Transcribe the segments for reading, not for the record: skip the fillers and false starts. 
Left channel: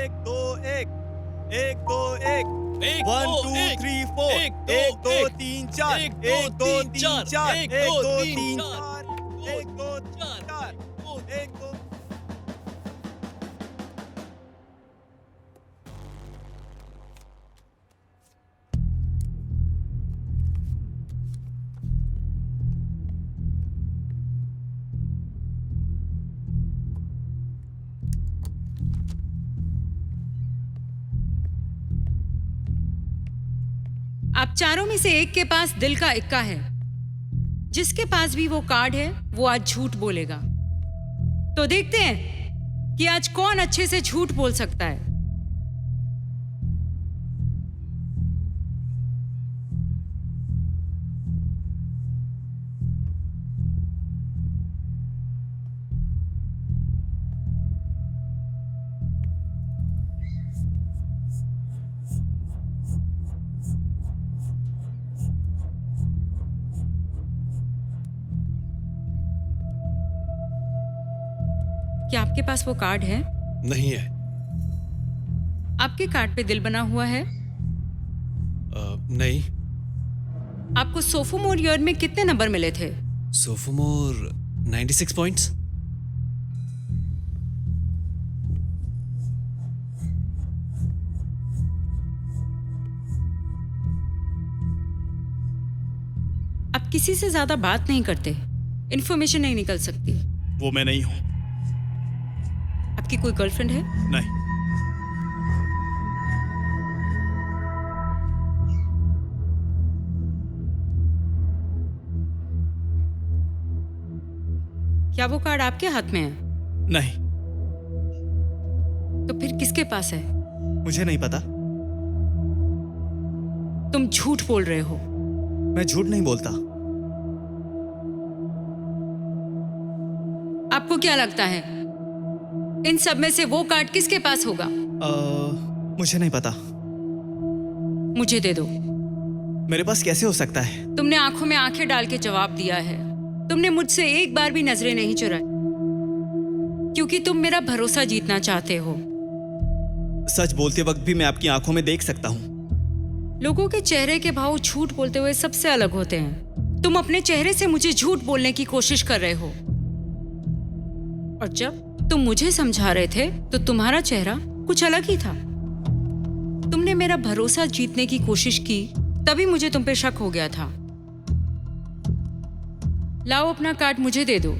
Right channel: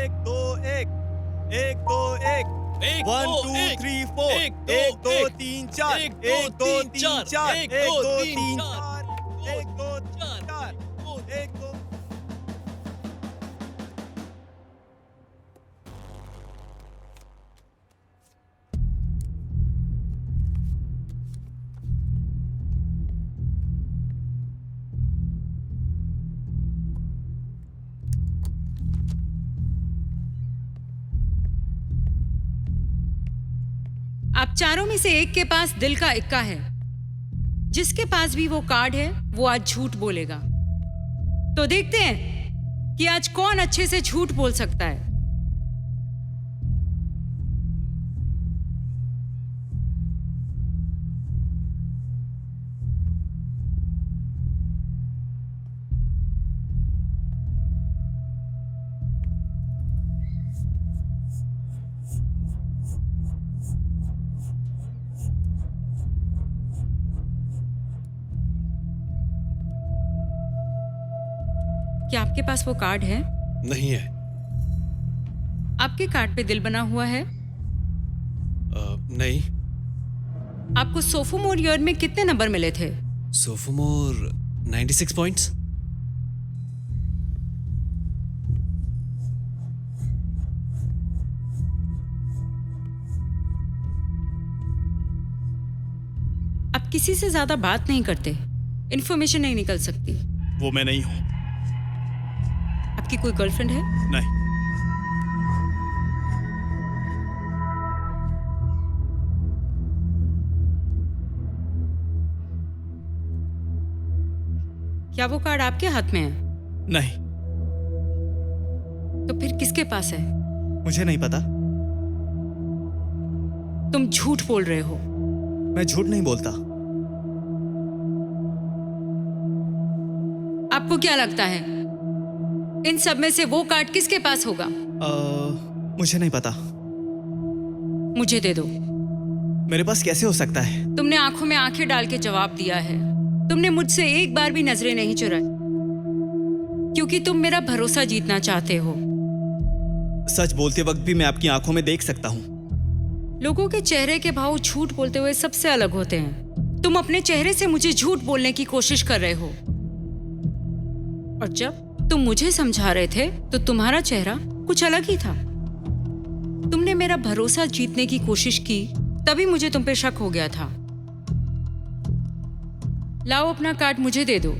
एक दो एक, एक दो एक, एक, 1 दो, 2 एक, 3 4, एक, दो, 1 2 एक, 3 4, एक, 1 2 3 4, एक, 1 दो, 2 तीन, 3 चार, 4, 1 2 3 4, दो, 1 2। आप चारों में से एक के पास दिल का इक्का है। जिसके पास भी वो कार्ड है वो आज झूठ बोलेगा। तो देखते हैं कि आज कौन अच्छे से झूठ बोल सकता है। क्या आपके पास वो कार्ड है? नहीं है। आपके कार्ड पे दिल बना हुआ है? नहीं। आपको सोफोमोर ईयर में कितने नंबर मिले थे? सोफोमोर 96 पॉइंट्स। आप किसी से ज्यादा बात नहीं करते, इन्फॉर्मेशन नहीं निकल सकती। वो मैं नहीं हूं। आपकी कोई गर्लफ्रेंड है? नहीं। क्या वो कार्ड आपके हाथ में है? नहीं। तो फिर किसके पास है? मुझे नहीं पता। तुम झूठ बोल रहे हो। मैं झूठ नहीं बोलता। आपको क्या लगता है इन सब में से वो कार्ड किसके पास होगा? मुझे नहीं पता। मुझे दे दो। मेरे पास कैसे हो सकता है? तुमने आंखों में आंखें डाल के जवाब दिया है। तुमने मुझसे एक बार भी नजरें नहीं चुराई, क्योंकि तुम मेरा भरोसा जीतना चाहते हो। सच बोलते वक्त भी मैं आपकी आंखों में देख सकता हूं। लोगों के चेहरे के भाव झूठ बोलते हुए सबसे अलग होते हैं। तुम अपने चेहरे से मुझे झूठ बोलने की कोशिश कर रहे हो, और जब तुम मुझे समझा रहे थे तो तुम्हारा चेहरा कुछ अलग ही था। तुमने मेरा भरोसा जीतने की कोशिश की, तभी मुझे तुम पे शक हो गया था। लाओ अपना कार्ड मुझे दे दो।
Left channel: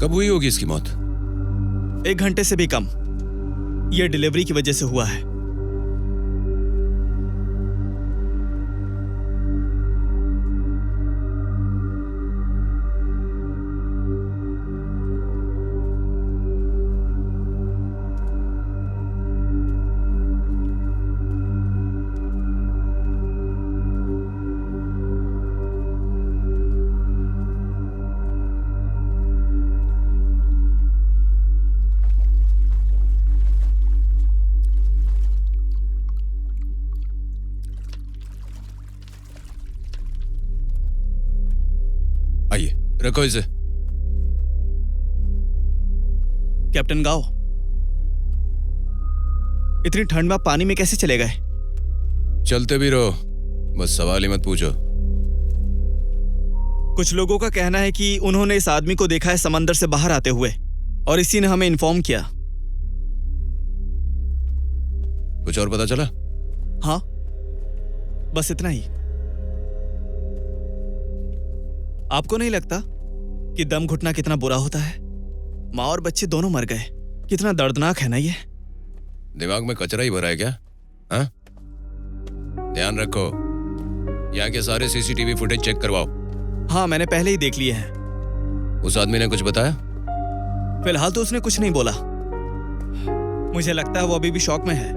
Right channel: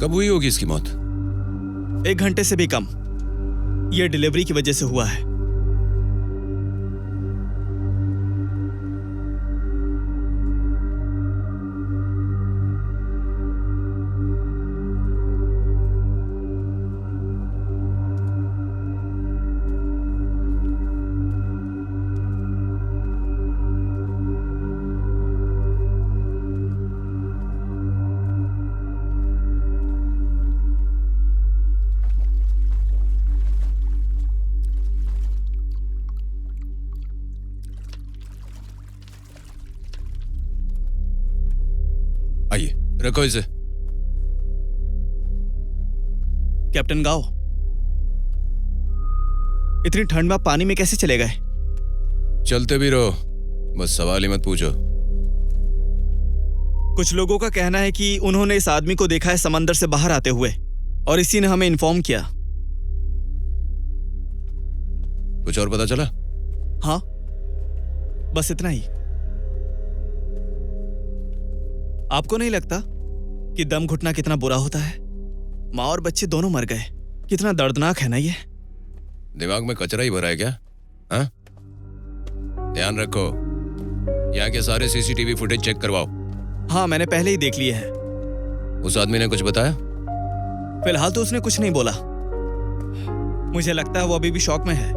कब हुई होगी इसकी मौत? 1 घंटे से भी कम। यह डिलीवरी की वजह से हुआ है। आइए, रखो इसे। कैप्टन गाओ, इतनी ठंड में आप पानी में कैसे चले गए? चलते भी रहो, बस सवाल ही मत पूछो। कुछ लोगों का कहना है कि उन्होंने इस आदमी को देखा है समंदर से बाहर आते हुए और इसी ने हमें इन्फॉर्म किया। कुछ और पता चला? हाँ, बस इतना ही। आपको नहीं लगता कि दम घुटना कितना बुरा होता है? माँ और बच्चे दोनों मर गए। कितना दर्दनाक है ना ये। दिमाग में कचरा ही भरा है क्या? हाँ? ध्यान रखो, यहाँ के सारे सीसीटीवी फुटेज चेक करवाओ। हाँ, मैंने पहले ही देख लिए हैं। उस आदमी ने कुछ बताया? फिलहाल तो उसने कुछ नहीं बोला। मुझे लगता है वो अभी भी शॉक में है।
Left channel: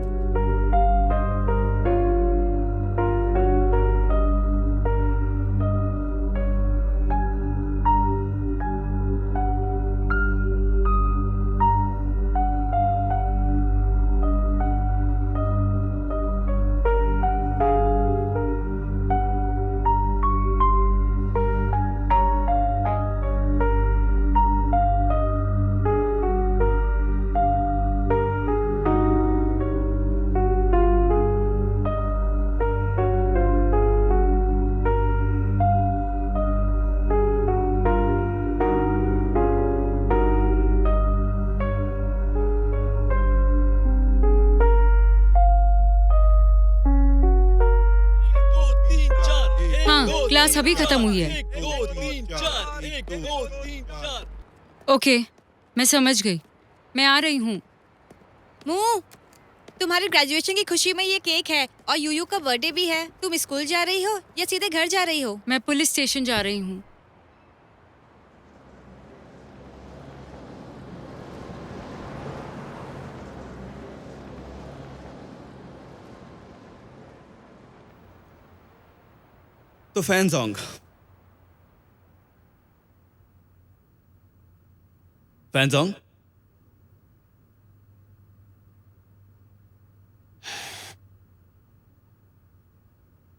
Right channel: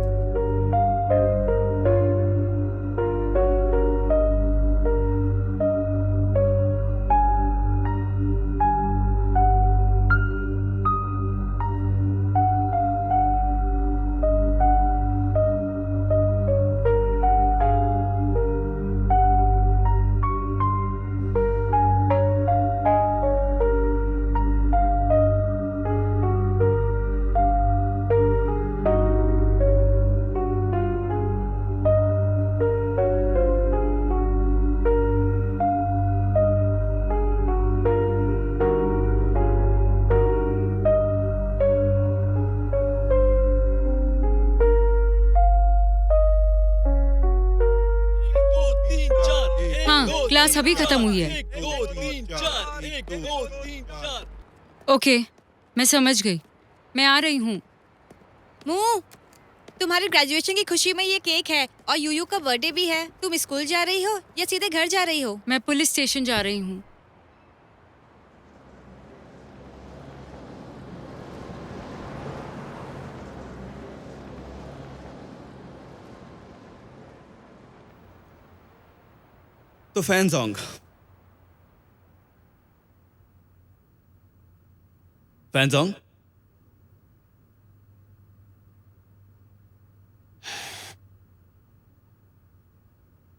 हाँ, क्लास अभी खत्म हुई है। ओके, मैं समझ गई। मैं आ रही हूँ। मुँह, तुम्हारी ग्रेजुएशन की खुशी में ये केक है और यूयू का बर्थडे भी है। तुम स्कूल जा रही हो या सीधे घर जा रही हो? मैं पुलिस स्टेशन जा रही हूँ। तो फैनजोंग, फैनजोंग,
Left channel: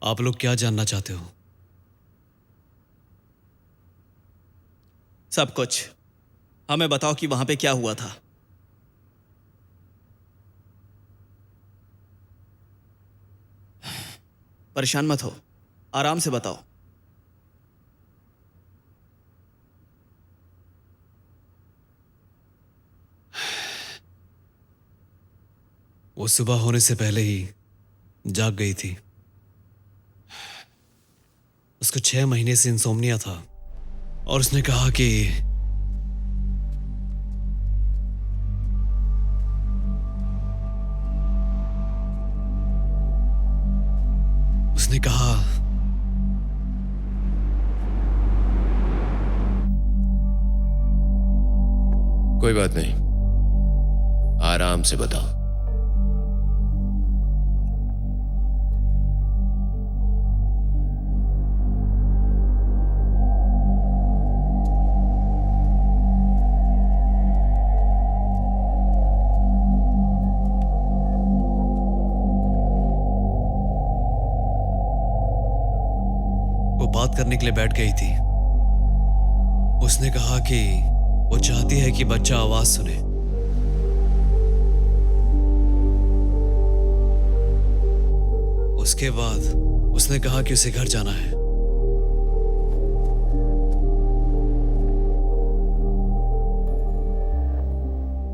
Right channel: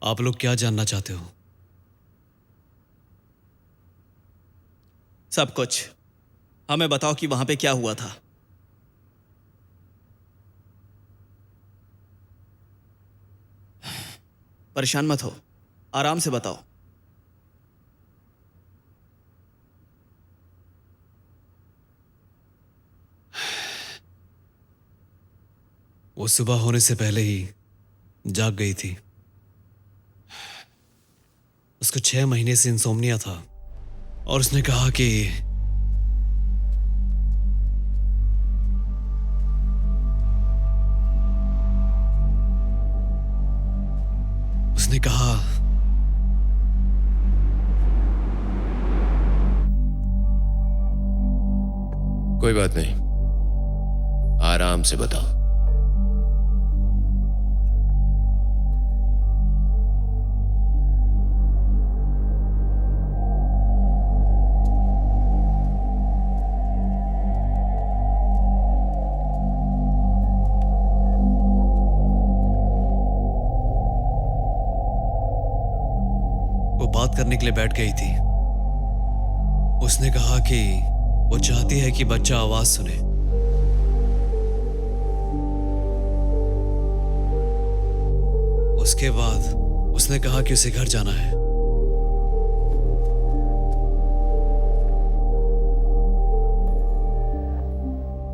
आप लोग क्या जानना चाहते हो? सब कुछ। हमें बताओ कि वहां पे क्या हुआ था। परेशान मत हो, आराम से बताओ। वो सुबह होने से पहले ही जाग गई थी। उसको 6 महीने से इंसोम्निया था और उसने कहा कि उसने कहा कोई बात नहीं, आराम से बताओ। वो बात करने के लिए बैठ गई थी। उसने कहा कि वो चाहती है कि बच्चा आवाज सुने। उसके बाद उसने कहा कि उसे घर जाना है।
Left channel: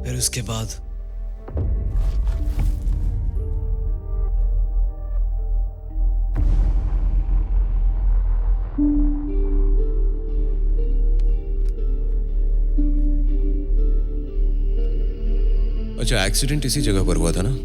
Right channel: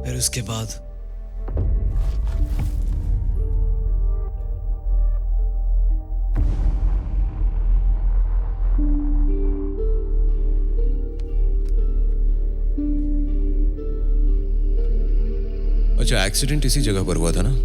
फिर उसके बाद अच्छा, एक्सीडेंट इसी जगह पर हुआ था ना?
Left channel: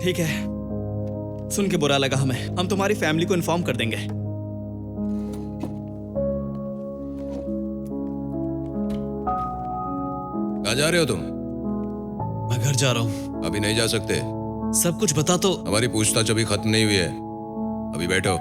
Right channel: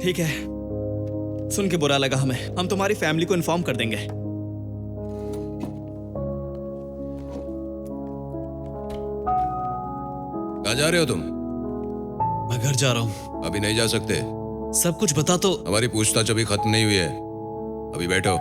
ठीक है, सुन के बुरा लगा हमें। हम तुम्हारी फैमिली को इन्फॉर्म कर देंगे। कहाँ जा रहे हो तुम? मैं घर जा रहा हूँ। अभी नहीं जा सकते। सब कुछ बता तो। हमारी पूछताछ अभी खत्म नहीं हुई है। अभी बैठो।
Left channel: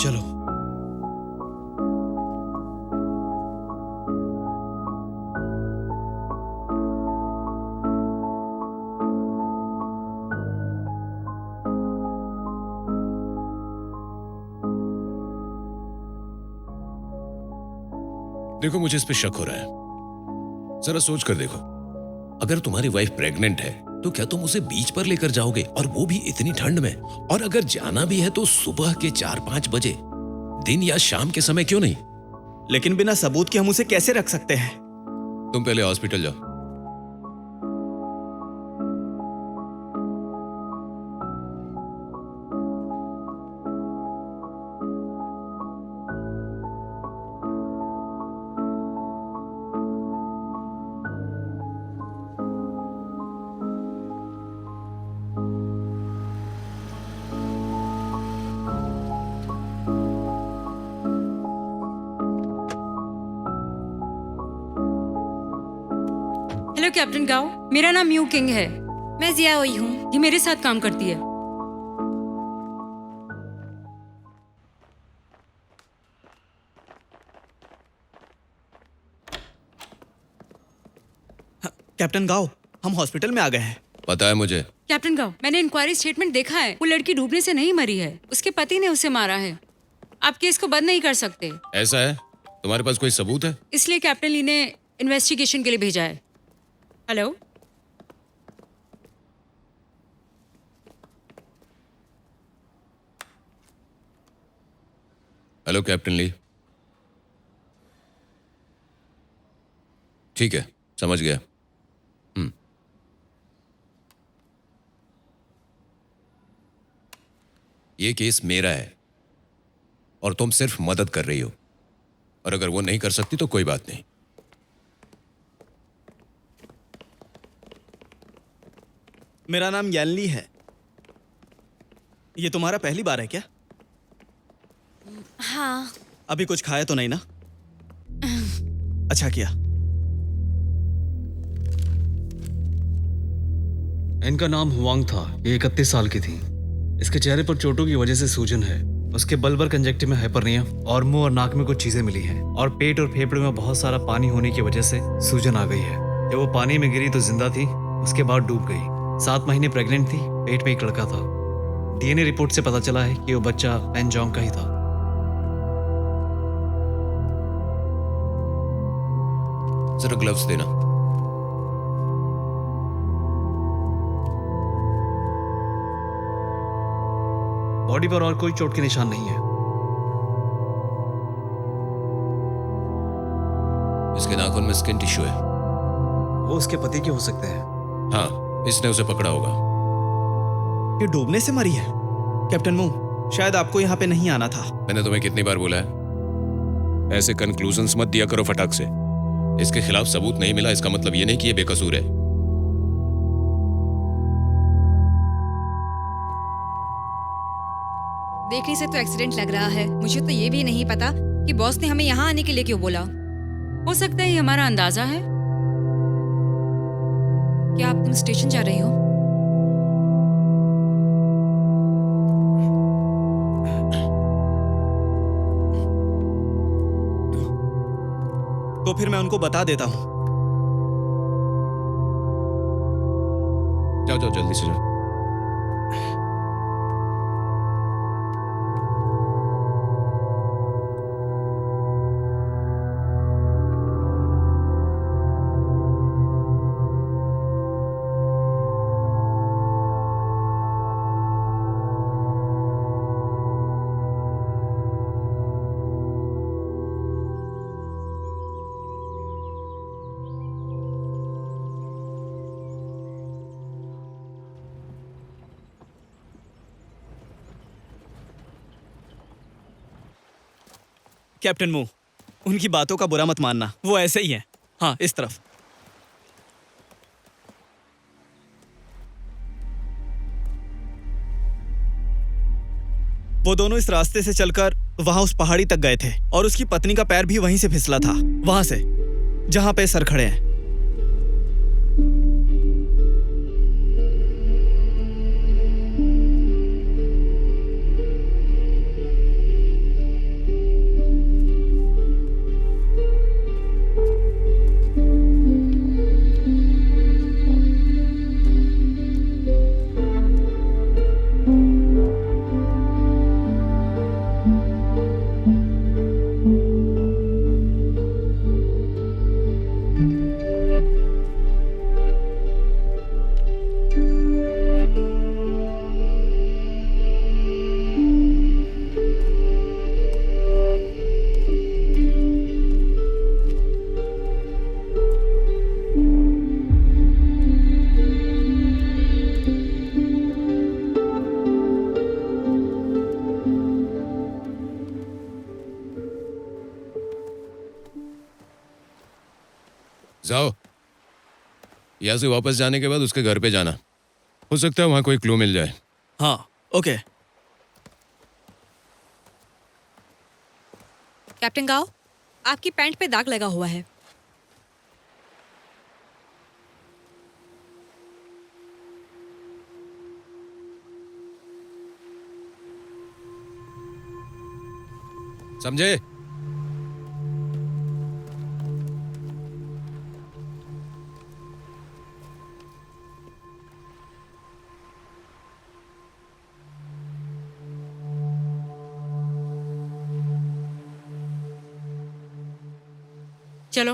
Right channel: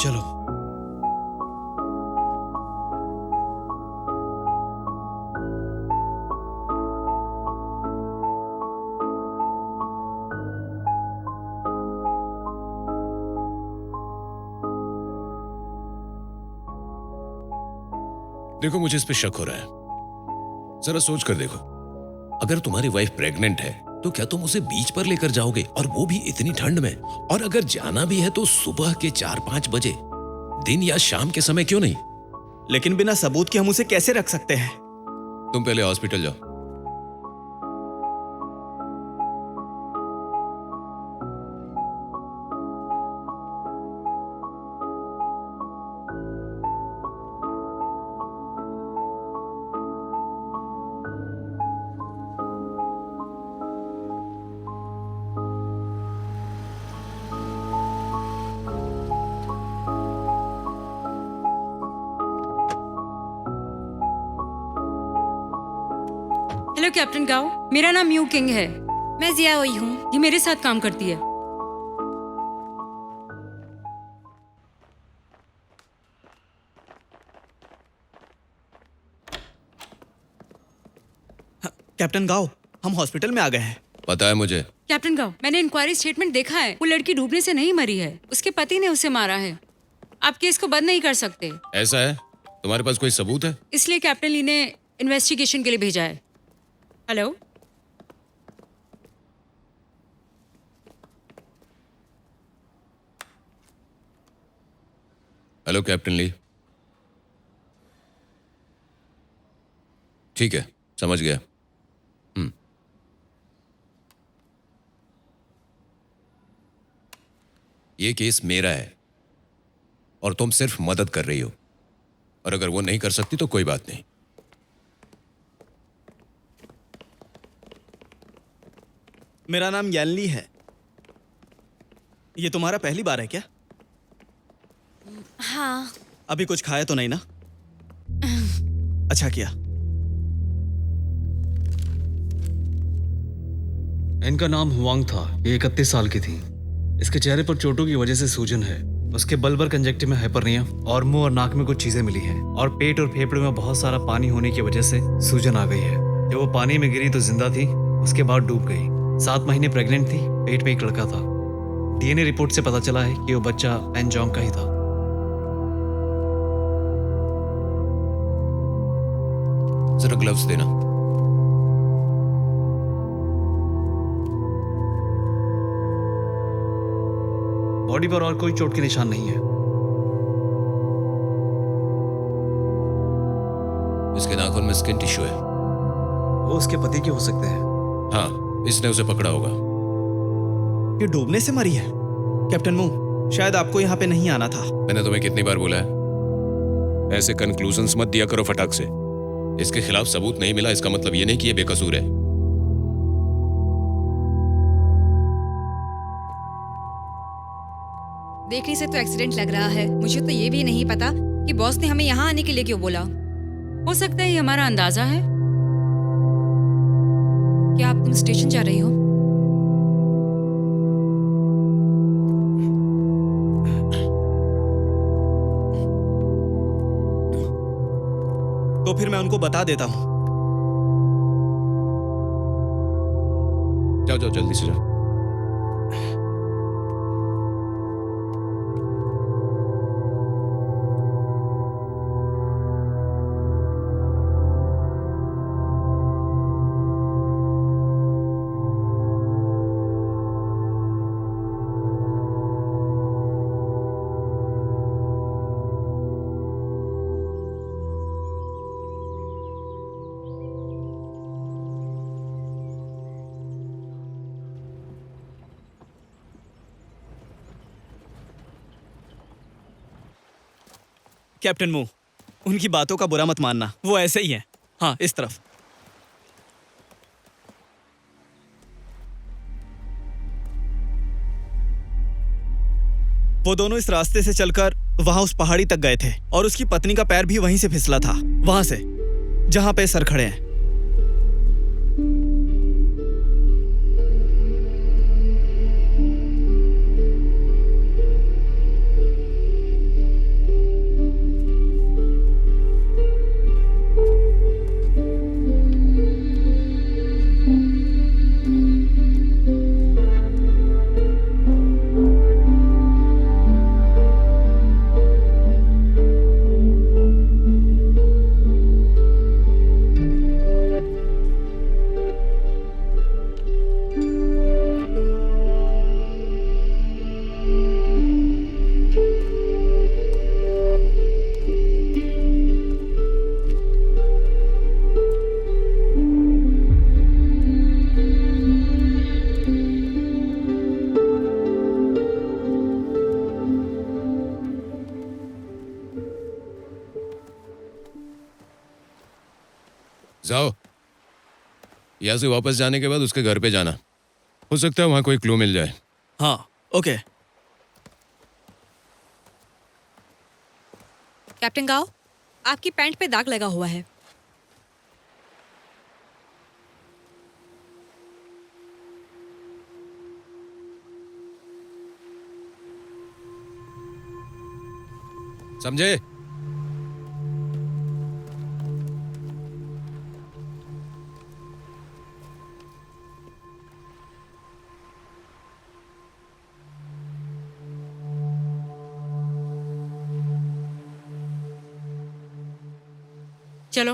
चलो। देखो, मुझे इस पे शक हो रहा है। जरा सोच कर देखो, अगर तुम्हारी वाइफ प्रेग्नेंट है तो क्या तुम उसे बीच पर लेकर जाओगे, और वो भी इतनी ठंड में? और अगर जाना भी है तो सुबह के 4-5 बजे, दिन या शाम के समय क्यों नहीं? लेकिन बिना सबूत के हम उसे कैसे रख सकते हैं? तुम पहले हॉस्पिटल जाओ। हेलो कैप्टन गाओ, मेरा नाम यू किंग है। मैं जिया हुई हूँ। ये मेरे साथ काम करती है। कैप्टन गाओ, हम हॉस्पिटल में आ गए हैं। पता है मुझे। कैप्टन गाओ, मैंने इंक्वायरी स्टेटमेंट देखा है। वो लड़की डूबने से नहीं मरी है, उसके पति ने उसे मारा है। आप केस को बंद नहीं कर सकते। ऐसा है? तुम्हारे पास कोई सबूत है? इसलिए कैप्टन ली ने इन्वेस्टिगेशन के लिए भेजा है। हेलो, हेलो कैप्टन ली। ठीक है, समझ गया। ये केस मेरा है और तुम सिर्फ मदद कर रही हो, और अगर वो नहीं कर सकती तो कोई बात नहीं। मेरा नाम यानली है। ये तुम्हारा पहली बार है क्या? हाँ। अभी कुछ खाया तो नहीं ना? अच्छा किया। इनका नाम हुआंग था। ये 31 साल की थी। इसके चेहरे पर चोटों की वजह से सूजन है। उसके बल्बर कंजक्टिव में हाइपरनिया और मुंह और नाक में कुछ चीजें मिली हैं, और पेट और फेफड़े में बहुत सारा पानी होने की वजह से सूजन आ गई है। जब वो पानी में गिरी तो जिंदा थी, उसके बाद डूब गई। 7 महीने प्रेग्नेंट थी। पेट में एक लड़का था। डीएनए रिपोर्ट से पता चला है कि वो बच्चा पेनजोंग का ही था। जरा ग्लव्स देना। बॉडी पर और कोई चोट के निशान नहीं है। इसके नाखून में स्किन टिश्यू है। वो उसके पति के हो सकते हैं। हाँ, इसने उसे पकड़ा होगा। ये डूबने से मरी है। कैप्टन मू, शायद आपको यहाँ पे नहीं आना था। मैंने तुम्हें कितनी बार बोला है, ऐसे कंक्लूजन्स मत दिया करो फटाक से। इसके खिलाफ सबूत नहीं मिला इसका मतलब ये नहीं कि ये बेकसूर है। देखने से तो एक्सीडेंट लग रहा है। मुझे तो ये भी नहीं पता कि बॉस ने हमें यहाँ आने के लिए क्यों बोला। हो सकता है ये हमारा अंदाजा है। क्या तुम स्टेशन जा रही हो? तो फिर मैं उनको बता देता हूँ। जाओ जाओ, जल्दी से जाओ। कैप्टन मू, उनकी बातों का बुरा मत मानना, वो ऐसे ही हैं। हाँ, इस तरफ। वो दोनों इस रास्ते से चलकर वहां उस पहाड़ी तक गए थे और उसकी पत्नी का पैर भी वहीं से फिसला था, वहां से जहां पे सर खड़े हैं। जाओ, यहाँ से वापस जाने के बाद उसके घर पे जाना, हो सकता है वहां कोई क्लू मिल जाए। हाँ, ओके। कैप्टन गाओ, आपकी पैंट पे दाग लगा हुआ है। समझे? चलो।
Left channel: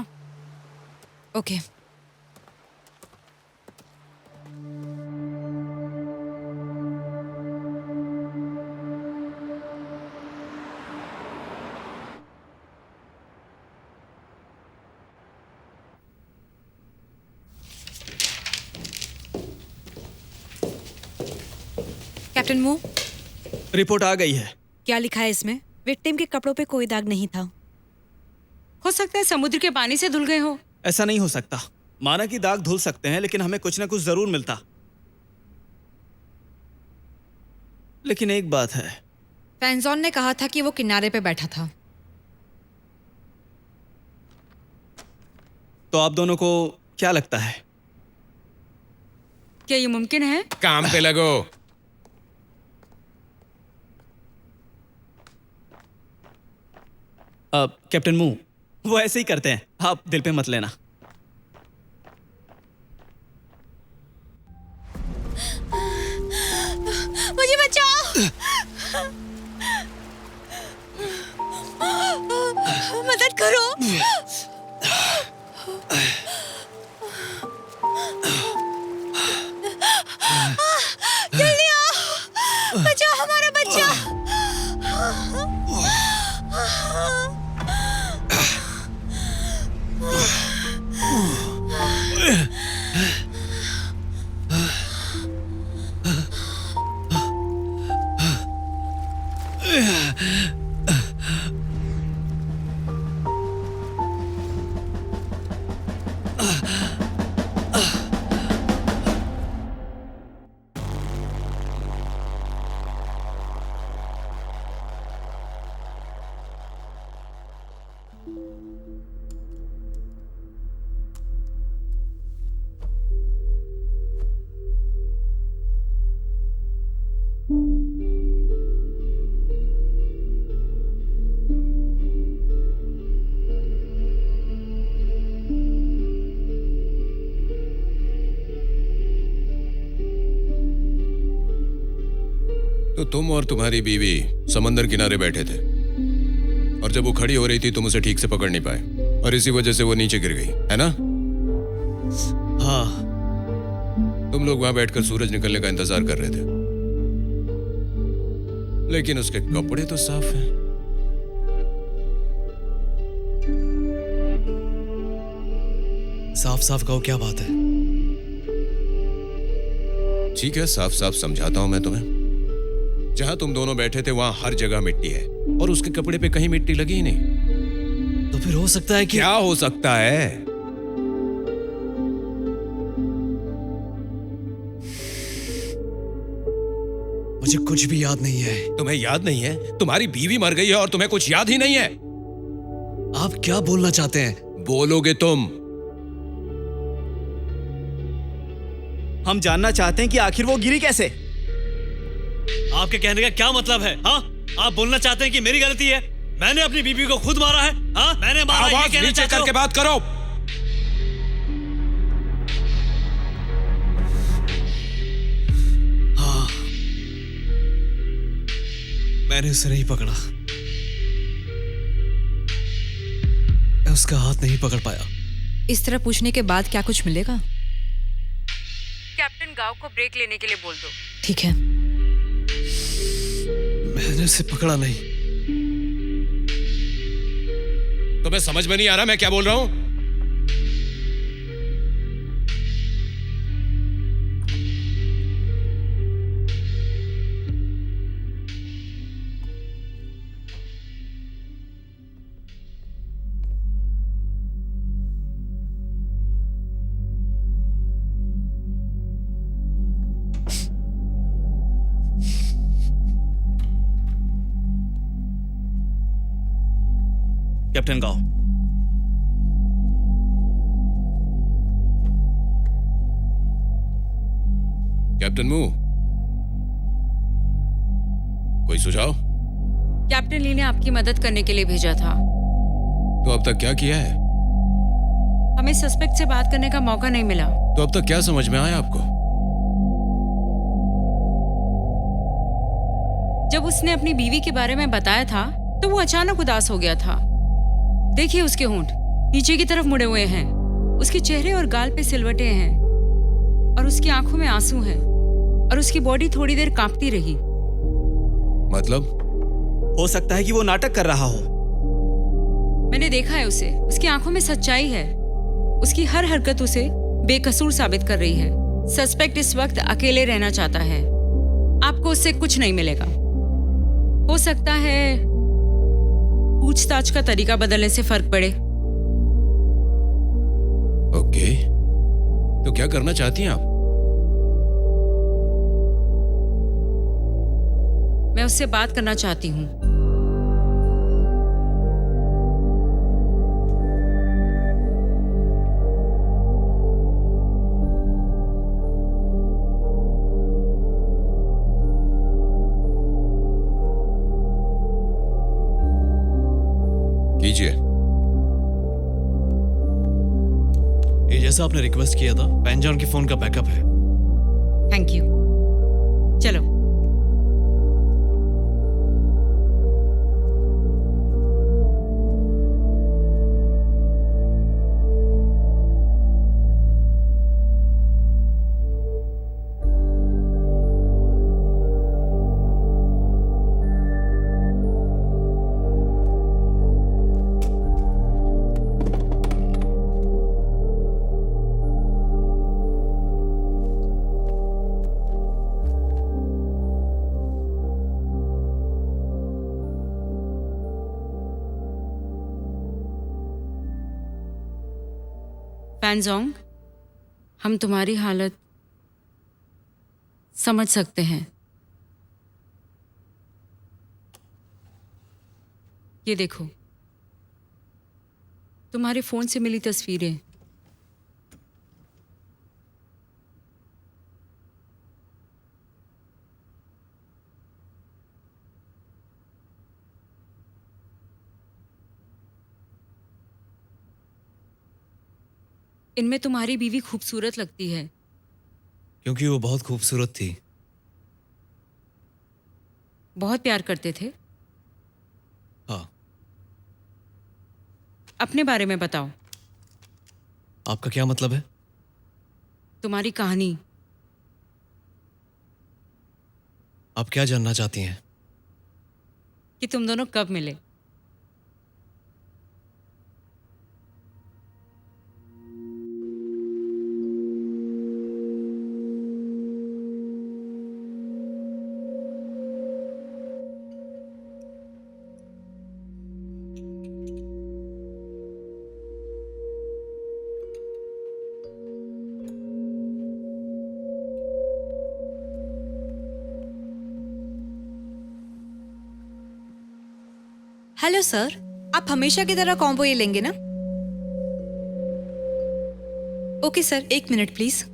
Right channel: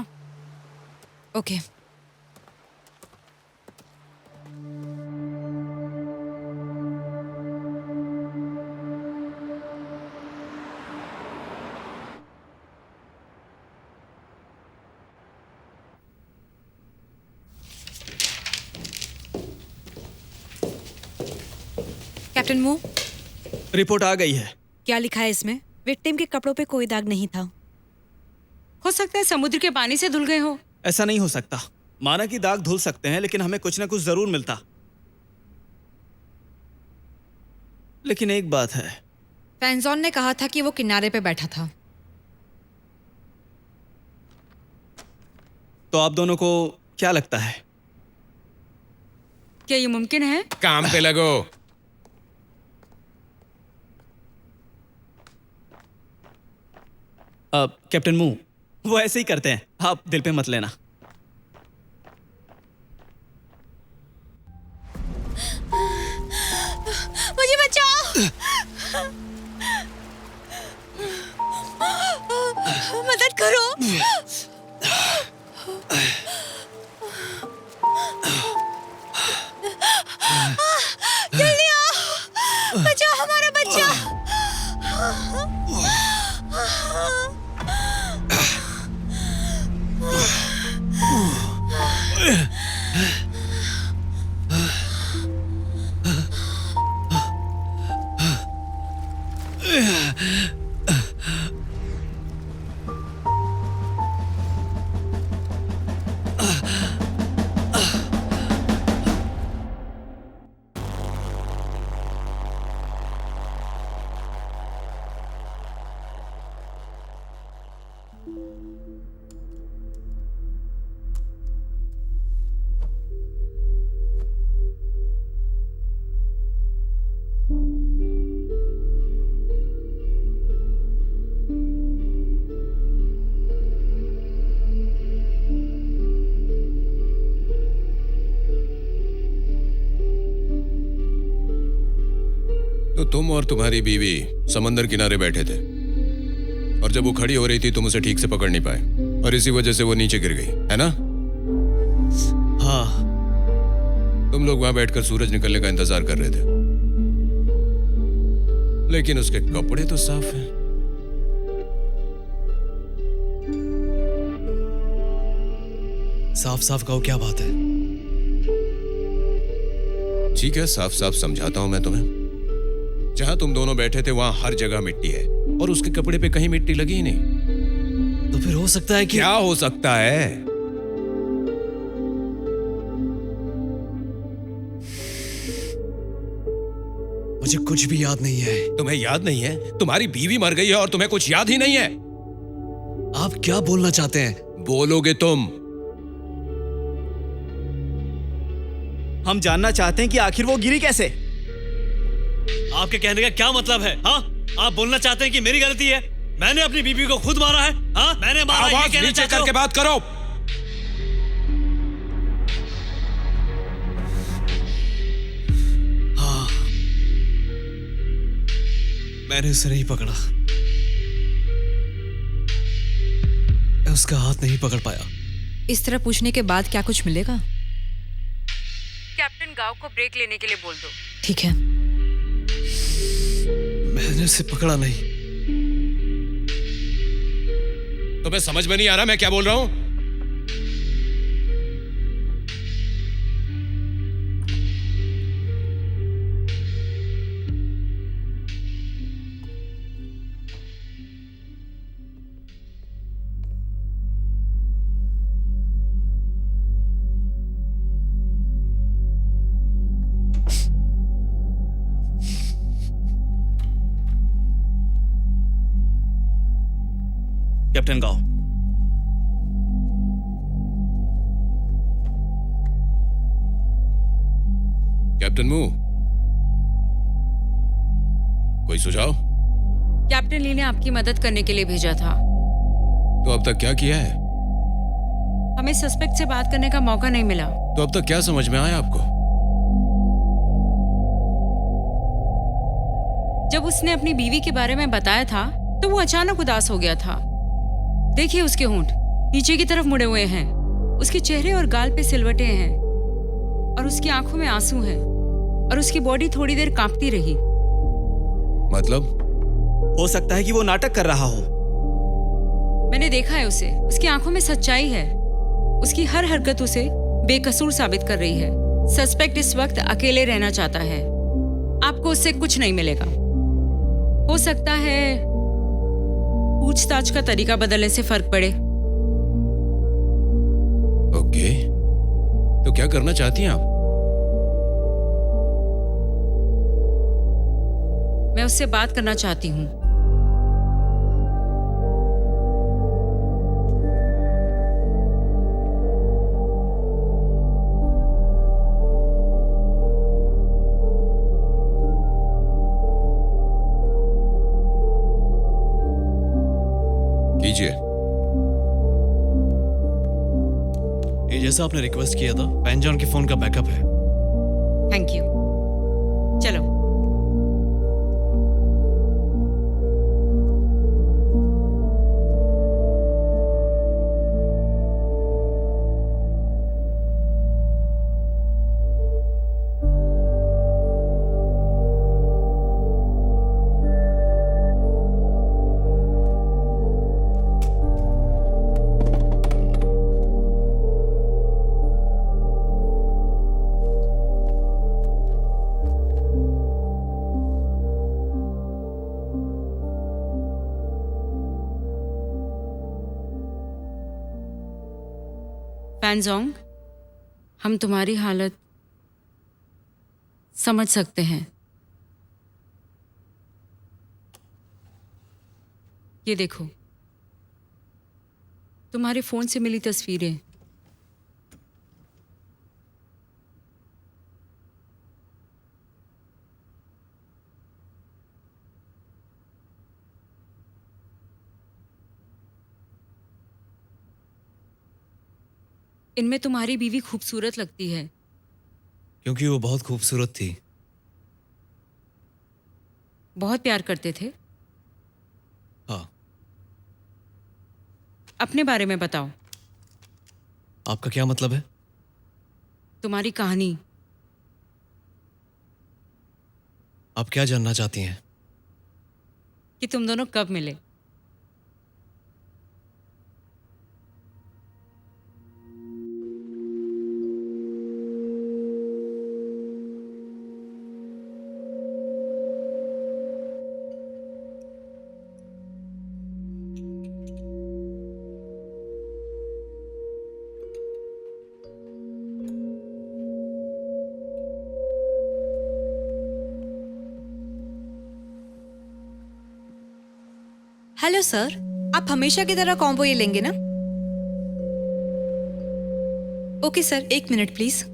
ओके। कैप्टन मू, रिपोर्ट आ गई है। क्या लिखा है इसमें? विक्टिम के कपड़ों पे कोई दाग नहीं था। हो सकता है समुद्र के पानी से धुल गए हो। ऐसा नहीं हो सकता। माना कि दाग धुल सकते हैं, लेकिन हमें कुछ ना कुछ जरूर मिलता। लेकिन एक बात है, फैंजॉन ने कहा था कि वो किनारे पे बैठा था। तो आप दोनों को क्या लगता है? क्या ये मुमकिन है? काम पे लगो। कैप्टन मू, वो ऐसे ही करते हैं, आप दिल पे मत लेना। मुझे बचाओ। मदद करो। जल्दी आओ, बचाओ हमारा बच्चा। तो तुम और तुम्हारी बीवी समंदर किनारे बैठे थे और जब वो खड़ी हो रही थी तुम उसे ठीक से पकड़ नहीं पाए और इसी वजह से वो नीचे गिर गई, है ना? हाँ। तुम लोग वहां बैठकर सूरज निकलने का इंतजार कर रहे थे, लेकिन उसके कपड़े तो साफ हैं। साफ साफ कहो, क्या बात है? ठीक है, साफ साफ समझाता हूं मैं तुम्हें। जहां तुम दोनों बैठे थे वहां हर जगह मिट्टी है और उसके कपड़े पे कहीं मिट्टी लगी ही नहीं। तो फिर हो सकता है कि क्या हो सकता है? मुझे कुछ भी याद नहीं है। तुम्हें याद नहीं है? तुम्हारी बीवी मर गई है और तुम्हें कुछ याद ही नहीं है? आप क्या बोलना चाहते हैं? बोलोगे तुम? हम जानना चाहते हैं कि आखिर वो गिरी कैसे। आपके कहने का क्या मतलब है? हाँ, आप बोलना चाहते हैं कि मेरी गलती है? मैंने अपनी बीबी को खुद मारा है? हाँ, मैंने मारा, ये आवाज कहना नीचे चाहते हो? करके बात करो। हाँ, मैंने उसे नहीं पकड़ा। मैं उसका हाथ नहीं पकड़ पाया। इस तरह पूछने के बाद क्या कुछ मिलेगा? कैप्टन गांव को ब्रेक लेने के लिए बोल दो। ठीक है। मैंने उसे पकड़ा नहीं। तुम्हें समझ में नहीं आ रहा मैं क्या बोल रहा हूं? कैप्टन गाओ, कैप्टन मू, कोई सुझाव? कैप्टन ली ने आपकी मदद करने के लिए भेजा था। तो अब तक क्या किया है? हमें सस्पेक्ट से बात करने का मौका नहीं मिला। तो अब तक क्या समझ में आया आपको? जब उसने अपनी बीवी के बारे में बताया था तो वो अचानक उदास हो गया था। देखिए उसके होंठ नीचे की तरफ मुड़े हुए हैं, उसके चेहरे और गाल पे सिलवटें हैं और उसकी आंखों में आंसू हैं और उसकी बॉडी थोड़ी देर कांपती रही। मतलब? हो सकता है कि वो नाटक कर रहा हो। मैंने देखा है उसे, उसकी आंखों में सच्चाई है। उसकी हर हरकत उसे बेकसूर साबित कर रही है। सस्पेक्ट इस वक्त अकेले रहना चाहता है। आपको उससे कुछ नहीं मिलेगा। हो सकता है पूछताछ का तरीका बदलने से फर्क पड़े। ओके, तो क्या करना चाहती हैं आप? मैं उससे बात करना चाहती हूँ। कीजिए। ये जैसा आपने रिक्वेस्ट किया था, पैंजॉन के फोन का बैकअप है। Thank you. चलो। फैनजोंग, हम तुम्हारी हालत समझ सकते हैं। ये देखो, तुम्हारे फोन से मिली तस्वीरें। इनमें तुम्हारी बीवी खूबसूरत लगती है। क्योंकि वो बहुत खूबसूरत थी। बहुत प्यार करते थे। हाँ। अपने बारे में बताओ। आपका क्या मतलब है? तुम्हारी कहानी। आप क्या जानना चाहती हैं? कि तुम दोनों कब मिले। हेलो सर, आप हमेशा की तरह कॉम्बो ये लेंगे ना? Okay sir, 1 minute please.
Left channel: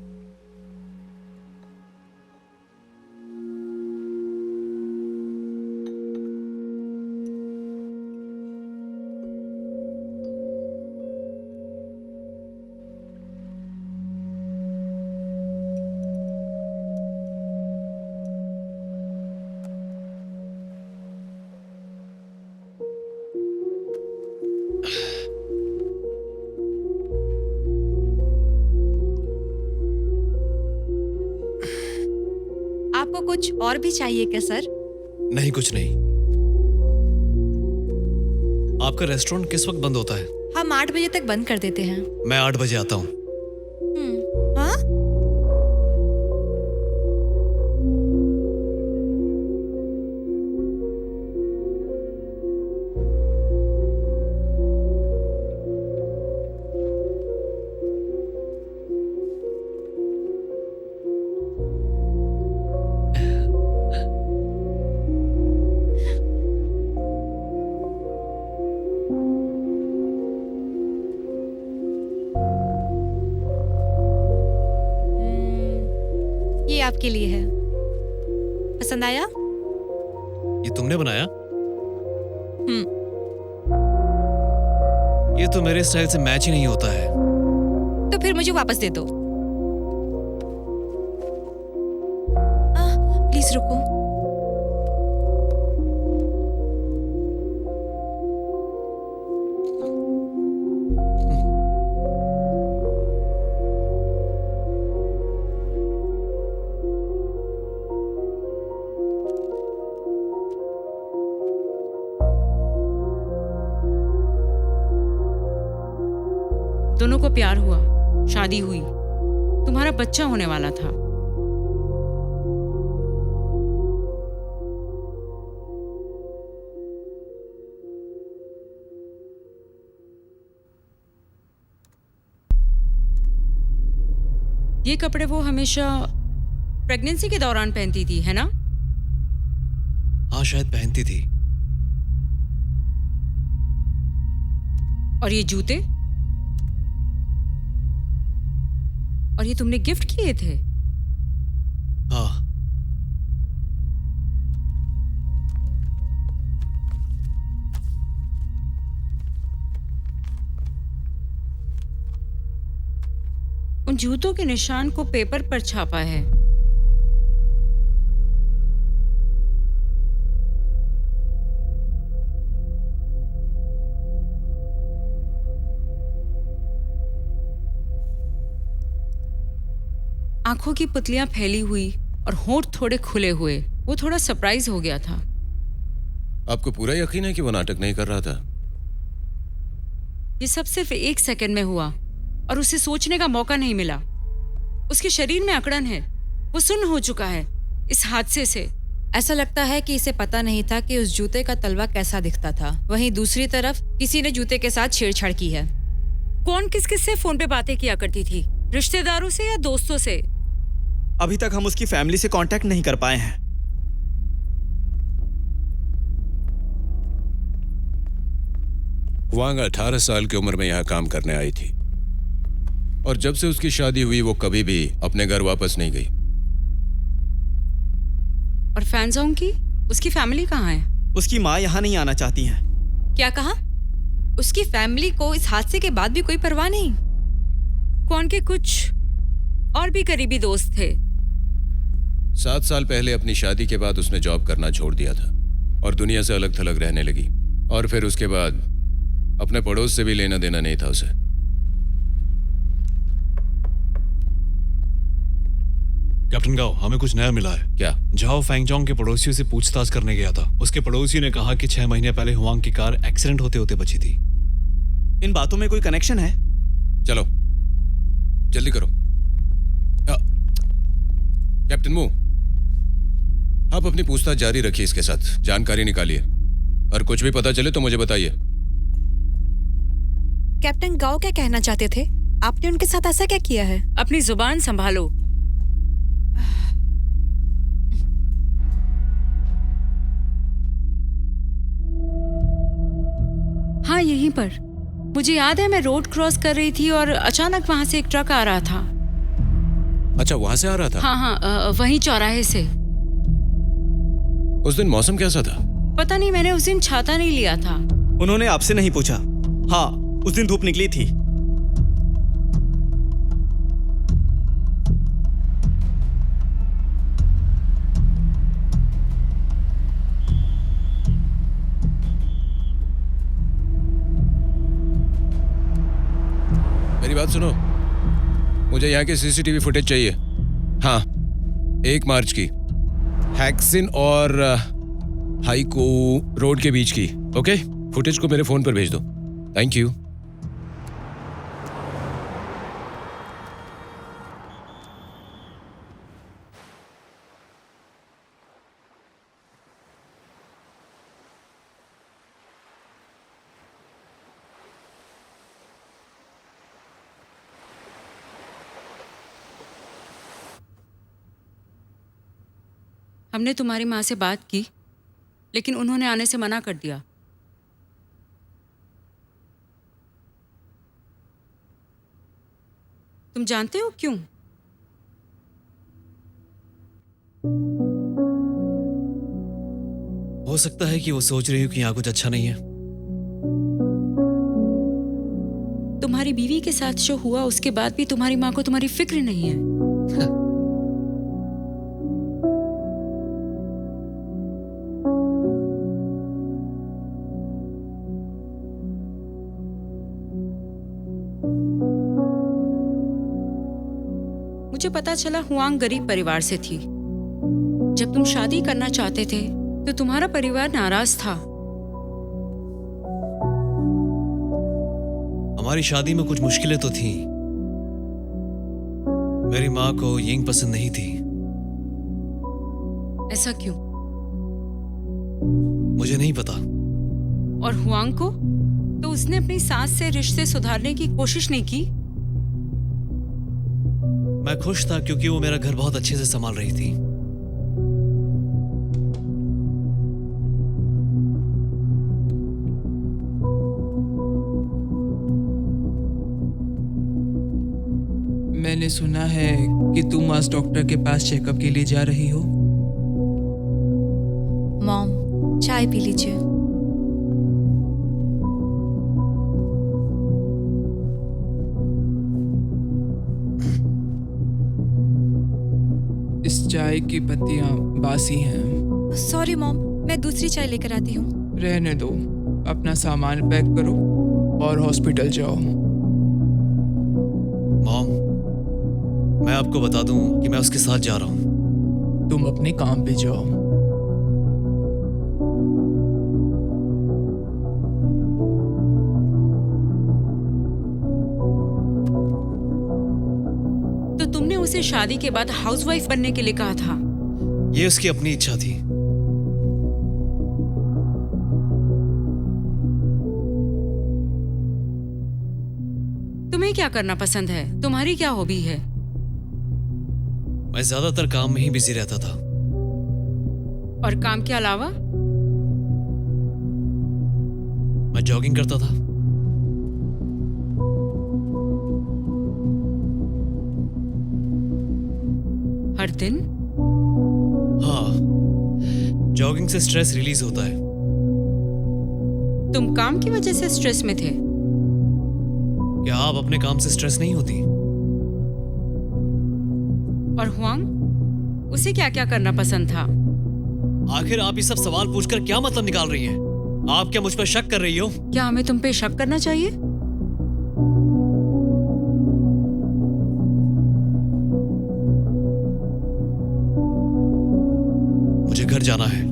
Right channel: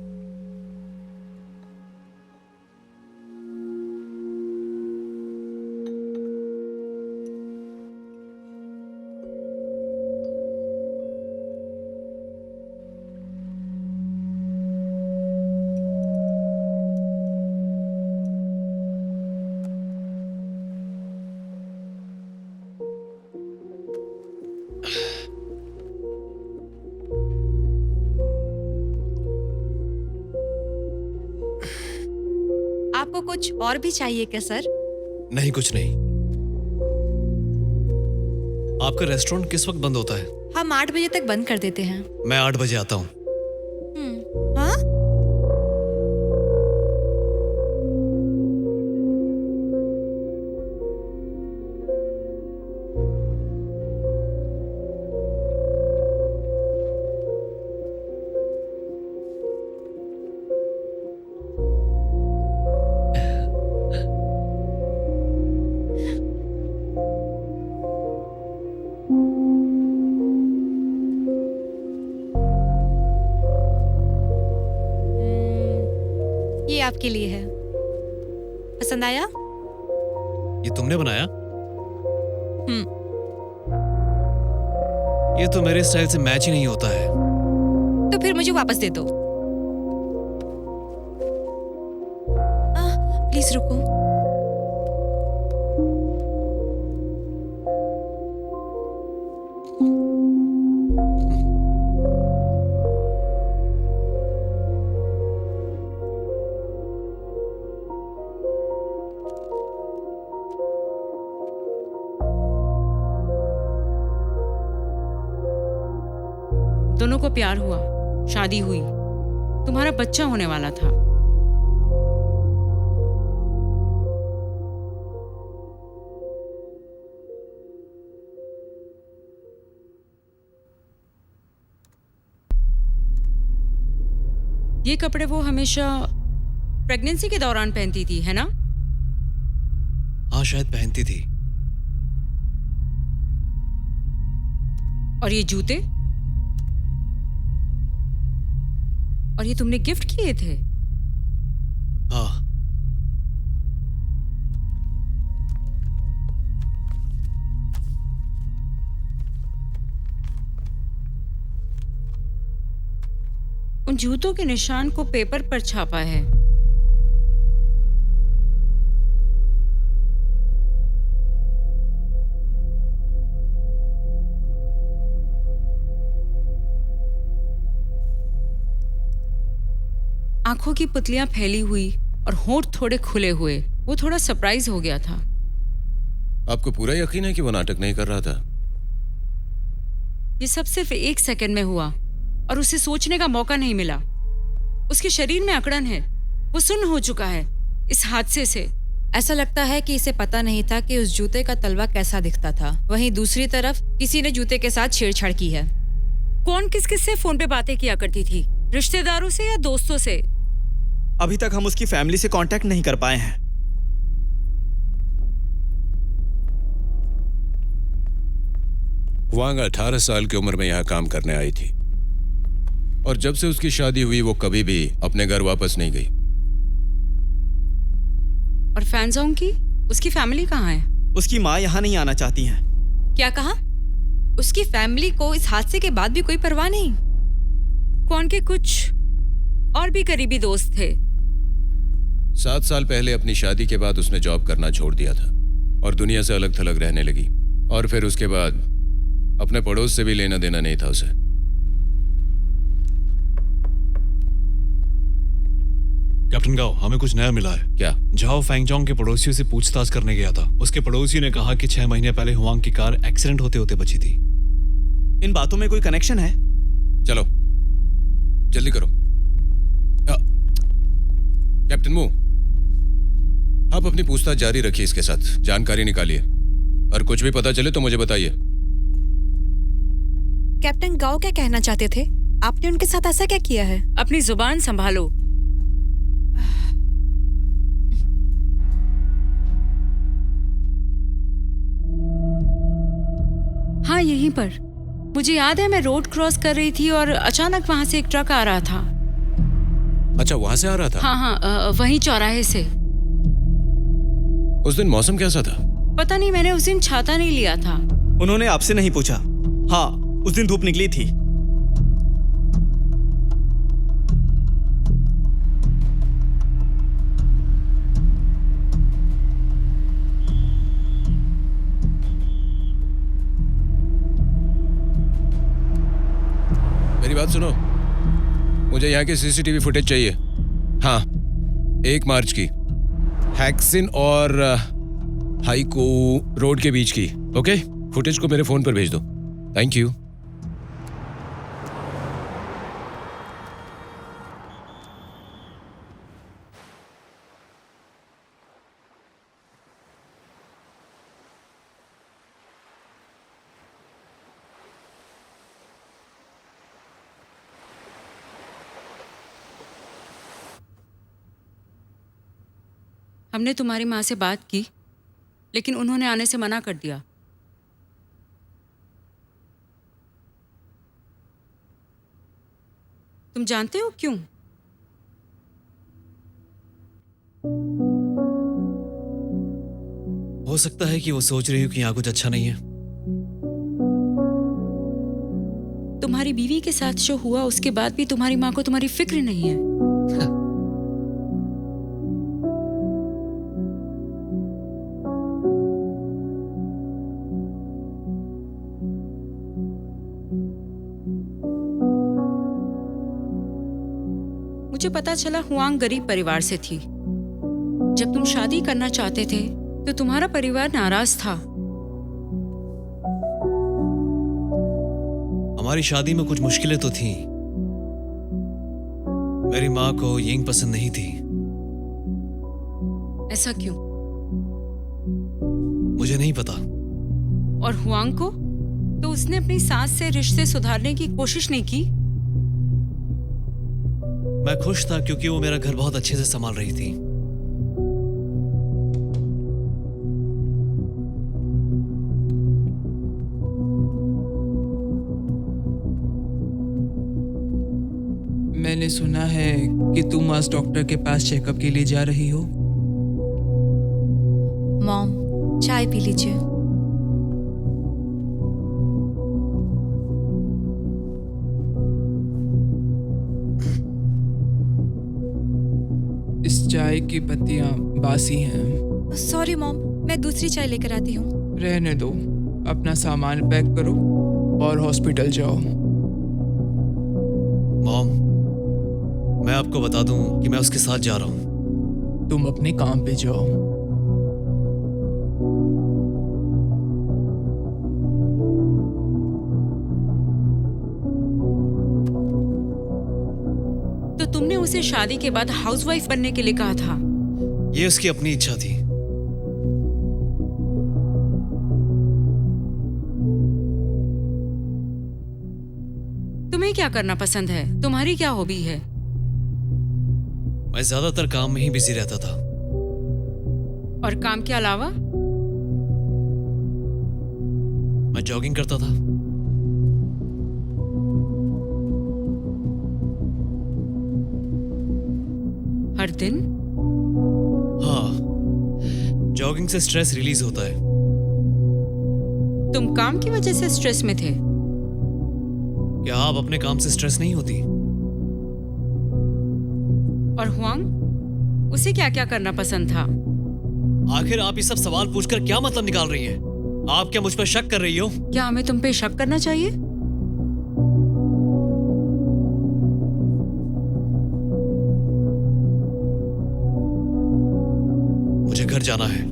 आपको कुछ और भी चाहिए क्या सर? नहीं, कुछ नहीं। आपका रेस्टोरेंट किस वक्त बंद होता है? हम 8 बजे तक बंद कर देते हैं। मैं 8 बजे आता हूँ। हाँ? ये आपके लिए है। पसंद आया? ये तुमने बनाया? हम्म। ये तो मेरे स्टाइल से मैच ही नहीं होता है। तो फिर मुझे वापस दे दो। प्लीज रुको। दोनों को प्यार हुआ, शादी हुई, तुम्हारा बच्चा होने वाला था। ये कपड़े वो हमेशा प्रेगनेंसी के दौरान पहनती थी, है ना? हाँ, शायद पहनती थी। और ये जूते? और ये तुमने गिफ्ट किए थे? हाँ। उन जूतों के निशान को पेपर पर छापा है। आंखों की पुतलियां फैली हुई और होंठ थोड़े खुले हुए। वो थोड़ा सरप्राइज हो गया था। आपको पूरा यकीन है कि वो नाटक नहीं कर रहा था? ये सब सिर्फ 1 सेकंड में हुआ और उसे सोचने का मौका नहीं मिला। उसके शरीर में अकड़न है, वो सुन्न हो चुका है इस हादसे से। ऐसा लगता है कि इसे पता नहीं था कि उस जूते का तलवा कैसा दिखता था। वहीं दूसरी तरफ किसी ने जूते के साथ छेड़छाड़ की है। कौन किस किस से फोन पे बातें किया करती थी? रिश्तेदारों से या दोस्तों से? अभी तक हम उसकी फैमिली से कांटेक्ट नहीं कर पाए हैं। वांग 18 साल की उम्र में यहाँ काम करने आई थी और जब से उसकी शादी हुई वो कभी भी अपने घर वापस नहीं गई। और फैंजोंग की उसकी फैमिली कहाँ है? उसकी माँ यहाँ नहीं आना चाहती हैं। क्या कहा? उसकी फैमिली को इस हादसे के बाद भी कोई परवाह नहीं? कौन के कुछ और भी करीबी दोस्त थे। 7 साल पहले अपनी शादी के बाद उसने जॉब करना छोड़ दिया था और दुनिया से अलग थलग रहने लगी। और फिर उसके बाद अपने पड़ोस से भी लेना देना नहीं था उसे। कैप्टन गाओ, हमें कुछ नया मिला है। क्या? झाओ फैंगजोंग के पड़ोसियों से पूछताछ करने गया था। उसके पड़ोसी ने कहा कि 6 महीने पहले हुआंग की कार एक्सीडेंट होते होते बची थी। इन बातों में कोई कनेक्शन है? चलो जल्दी करो। कैप्टन मू, आप अपनी पूछताछ जारी रखिए, इसके साथ जानकारी निकालिए और कुछ भी पता चले तो मुझे बताइए। कैप्टन गाओ क्या कहना चाहते थे? आपने उनके साथ ऐसा क्या किया है? अपनी जुबान संभालो। हाँ, यहीं पर। मुझे याद है मैं रोड क्रॉस कर रही थी और अचानक वहां से एक ट्रक आ रहा था। अच्छा, वहां से आ रहा था? हाँ हाँ, वहीं चौराहे से। उस दिन मौसम कैसा था? पता नहीं, मैंने उस दिन छाता नहीं लिया था। उन्होंने आपसे नहीं पूछा? हाँ, उस दिन धूप निकली थी। मेरी बात सुनो, मुझे यहाँ की सीसीटीवी फुटेज चाहिए। हाँ, 1 मार्च की, हैक्सिन और हाइको रोड के बीच की। ओके, फुटेज को मेरे फोन पर भेज दो। Thank you. हमने तुम्हारी माँ से बात की, लेकिन उन्होंने आने से मना कर दिया। तुम जानते हो क्यों? हो सकता है कि वो सोच रही हो कि यहाँ कुछ अच्छा नहीं है। तुम्हारी बीवी के साथ जो हुआ उसके बाद भी तुम्हारी माँ को तुम्हारी फिक्र नहीं है। मुझे पता चला हुआंग गरीब परिवार से थी। जब तुम शादी करना चाहते थे तो तुम्हारा परिवार नाराज था। हमारी शादी में कुछ मुश्किलें तो थीं। मेरी माँ को यिंग पसंद नहीं थी। ऐसा क्यों? मुझे नहीं पता। और हुआंग को? तो उसने अपनी सास से रिश्ते सुधारने की कोशिश नहीं की? मैं खुश था क्योंकि वो मेरा घर बहुत अच्छे से संभाल रही थी। मैंने सुना है कि तुम आज डॉक्टर के पास चेकअप के लिए जा रही हो। मॉम, चाय पी लीजिए। इस चाय की पत्तियां बासी हैं। सॉरी मॉम, मैं दूसरी चाय लेकर आती हूँ। रहने दो, अपना सामान पैक करो और हॉस्पिटल जाओ। मॉम, मैं आपको बता दूं कि मैं उसके साथ जा रहा हूं। तुम अपने काम पे जाओ। तो तुमने उसे शादी के बाद हाउसवाइफ बनने के लिए कहा था। ये उसकी अपनी इच्छा थी। तुम्हें क्या करना पसंद है? तुम्हारी क्या हॉबी है? मैं ज्यादातर काम में ही बिजी रहता था। और काम के अलावा? मैं जॉगिंग करता था। हर दिन? हाँ, जॉगिंग से स्ट्रेस रिलीज होता है। तुम काम की वजह से स्ट्रेस में थे? क्या आप अपने काम से स्ट्रेस नहीं होती? और हुआंग, उसे क्या क्या करना पसंद था? आखिर आप ये सब सवाल पूछकर क्या मतलब निकाल रही हैं? आप क्या मुझ पर शक कर रही हो? क्या हमें तुम पे शक करना चाहिए? मुझे घर जाना है।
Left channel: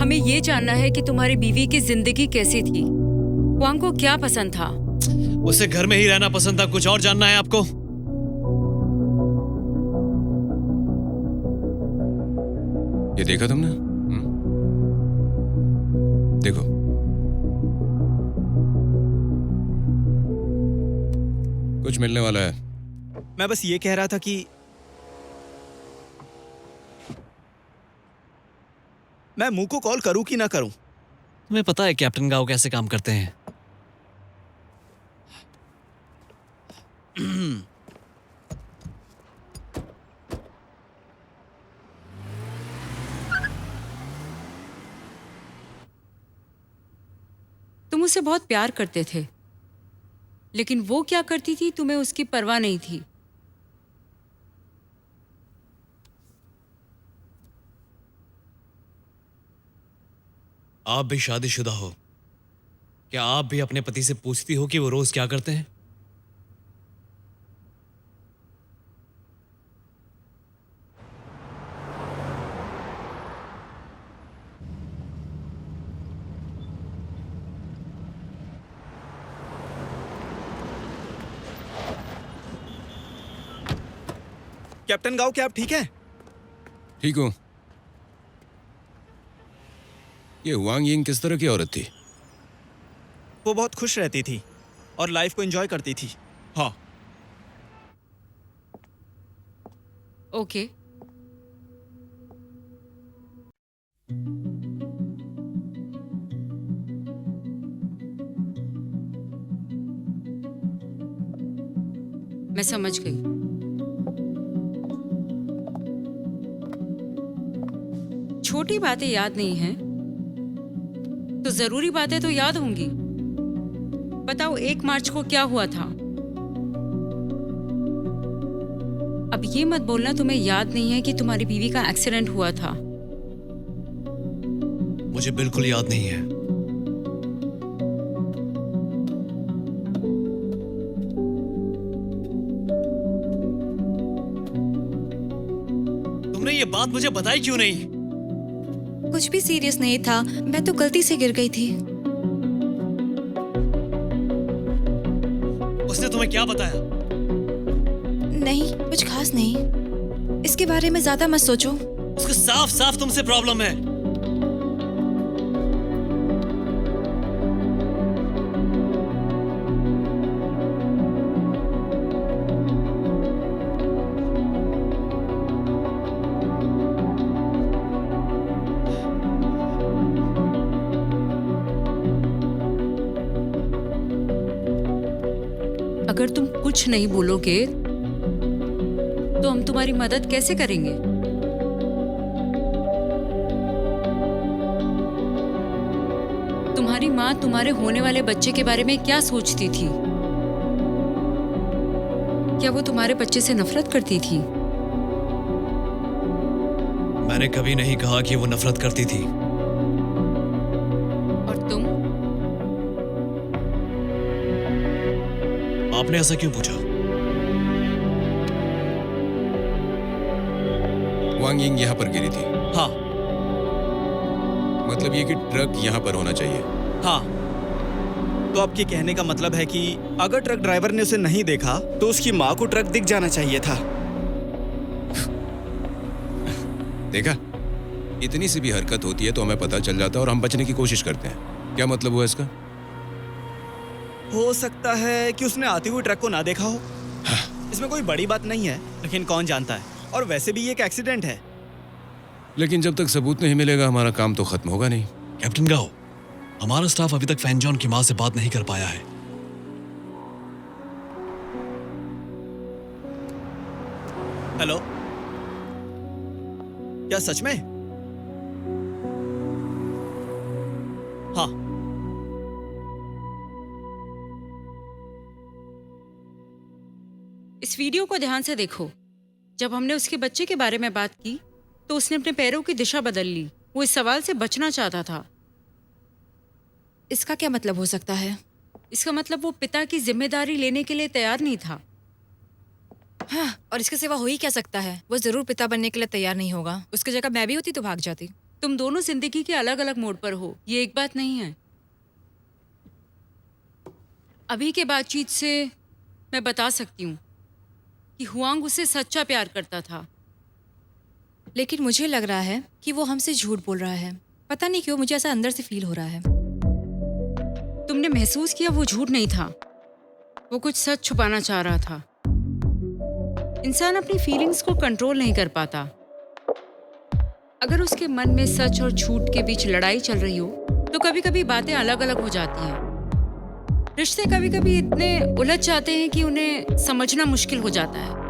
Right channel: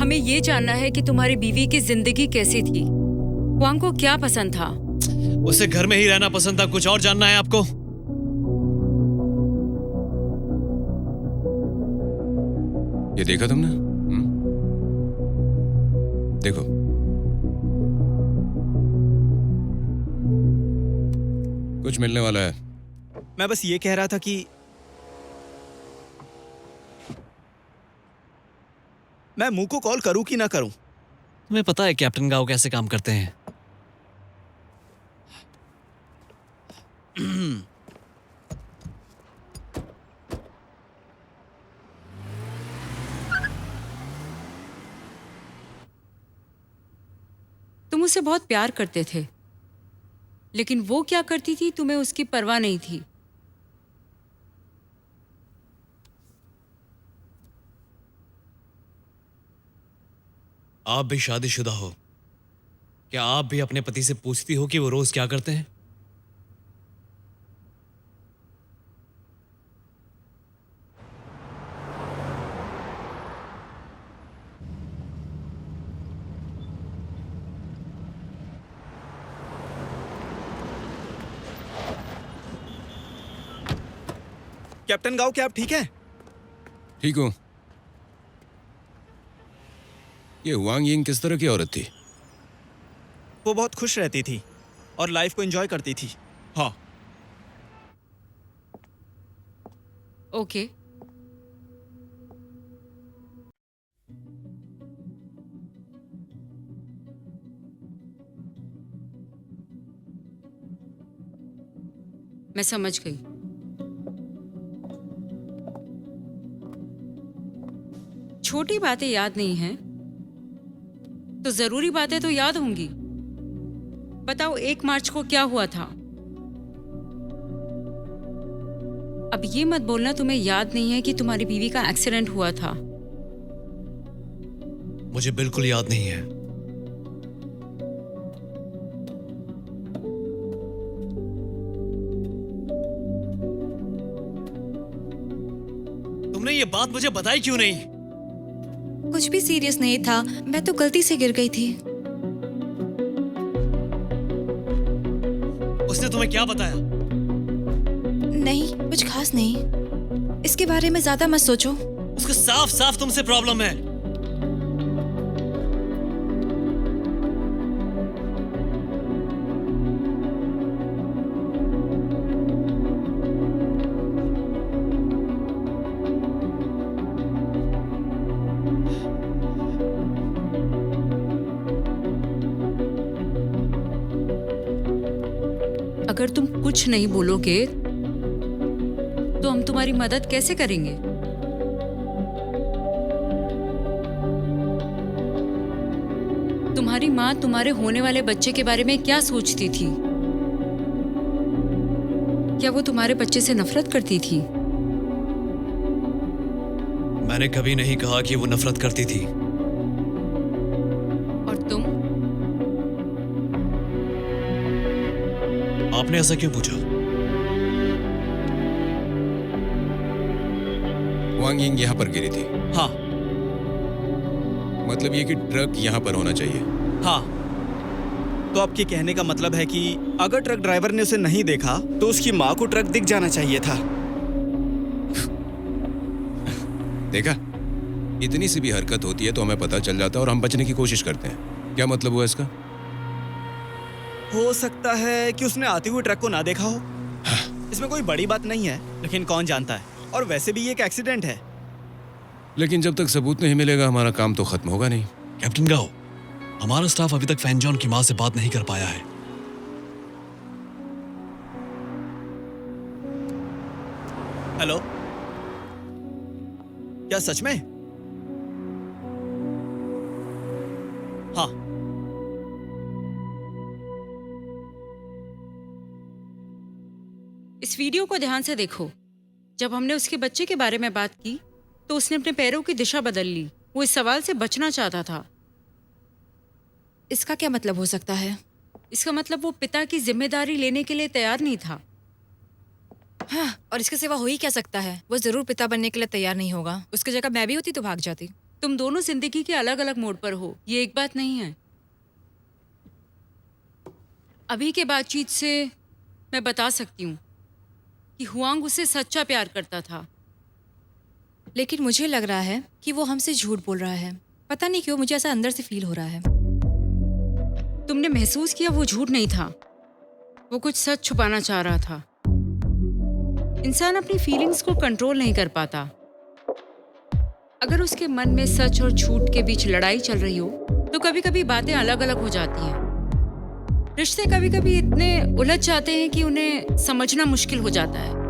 हमें ये जानना है कि तुम्हारी बीवी की जिंदगी कैसी थी। हुआंग को क्या पसंद था? उसे घर में ही रहना पसंद था। कुछ और जानना है आपको? ये देखा तुमने? देखो, कुछ मिलने वाला है। मैं बस ये कह रहा था कि मैं मुंह को कॉल करूं कि ना करूं। तुम्हें पता है कैप्टन गाओ कैसे काम करते हैं? तुम उसे बहुत प्यार करते थे, लेकिन वो क्या करती थी तुम्हें उसकी परवाह नहीं थी। आप भी शादीशुदा हो, क्या आप भी अपने पति से पूछती हो कि वो रोज क्या करते हैं? कैप्टन गाओ, क्या आप ठीक हैं? ठीक हूँ। ये हुआंग यिंग किस तरह की औरत थी? वो बहुत खुश रहती थी और लाइफ को एंजॉय करती थी। हाँ। ओके। मैं समझ गई। छोटी बातें याद नहीं हैं तो जरूरी बातें तो याद होंगी। बताओ 1 मार्च को क्या हुआ था? अब ये मत बोलना तुम्हें याद नहीं है कि तुम्हारी बीवी का एक्सीडेंट हुआ था। मुझे बिल्कुल याद नहीं है। तुमने ये बात मुझे बताई क्यों नहीं? कुछ भी सीरियस नहीं था, मैं तो गलती से गिर गई थी। उसने तुम्हें क्या बताया? नहीं, कुछ खास नहीं। इसके बारे में ज्यादा मत सोचो। उसको साफ साफ तुमसे प्रॉब्लम है। अगर तुम कुछ नहीं बोलोगे तो हम तुम्हारी मदद कैसे करेंगे? तुम्हारी माँ तुम्हारे होने वाले बच्चे के बारे में क्या सोचती थी? क्या वो तुम्हारे बच्चे से नफरत करती थी? मैंने कभी नहीं कहा कि वो नफरत करती थी। और तुम? आपने ऐसा क्यों पूछा? हुआंग यिंग यहाँ पर गिरी थी। हाँ। मतलब ये कि ट्रक यहाँ पर होना चाहिए। हाँ। तो आपके कहने का मतलब है कि अगर ट्रक ड्राइवर ने उसे नहीं देखा तो उसकी माँ को ट्रक दिख जाना चाहिए था। देखा, इतनी सी भी हरकत होती है तो हमें पता चल जाता है और हम बचने की कोशिश करते हैं। क्या मतलब हुआ इसका? हो सकता है कि उसने आती हुई ट्रक को ना देखा हो। इसमें कोई बड़ी बात नहीं है, लेकिन कौन जानता है। और वैसे भी ये एक एक्सीडेंट है। लेकिन जब तक सबूत नहीं मिलेगा हमारा काम तो खत्म होगा नहीं। कैप्टन गाओ, हमारा स्टाफ अभी तक फैन जॉन की माँ से बात नहीं कर पाया है। हेलो, क्या सच में? हाँ। इस वीडियो को ध्यान से देखो। जब हमने उसके बच्चे के बारे में बात की तो उसने अपने पैरों की दिशा बदल ली। वो इस सवाल से बचना चाहता था। इसका क्या मतलब हो सकता है? इसका मतलब वो पिता की जिम्मेदारी लेने के लिए तैयार नहीं था। हाँ, और इसके सिवा हो ही क्या सकता है? वो जरूर पिता बनने के लिए तैयार नहीं होगा। उसकी जगह मैं भी होती तो भाग जाती। तुम दोनों जिंदगी के अलग अलग मोड़ पर हो, ये एक बात नहीं है। अभी के बातचीत से मैं बता सकती हूँ कि हुआंग उससे सच्चा प्यार करता था। लेकिन मुझे लग रहा है कि वो हमसे झूठ बोल रहा है। पता नहीं क्यों मुझे ऐसा अंदर से फील हो रहा है। तुमने महसूस किया वो झूठ नहीं था, वो कुछ सच छुपाना चाह रहा था। इंसान अपनी फीलिंग्स को कंट्रोल नहीं कर पाता। अगर उसके मन में सच और झूठ के बीच लड़ाई चल रही हो तो कभी कभी बातें अलग अलग हो जाती हैं। रिश्ते कभी कभी इतने उलझ जाते हैं कि उन्हें समझना मुश्किल हो जाता है।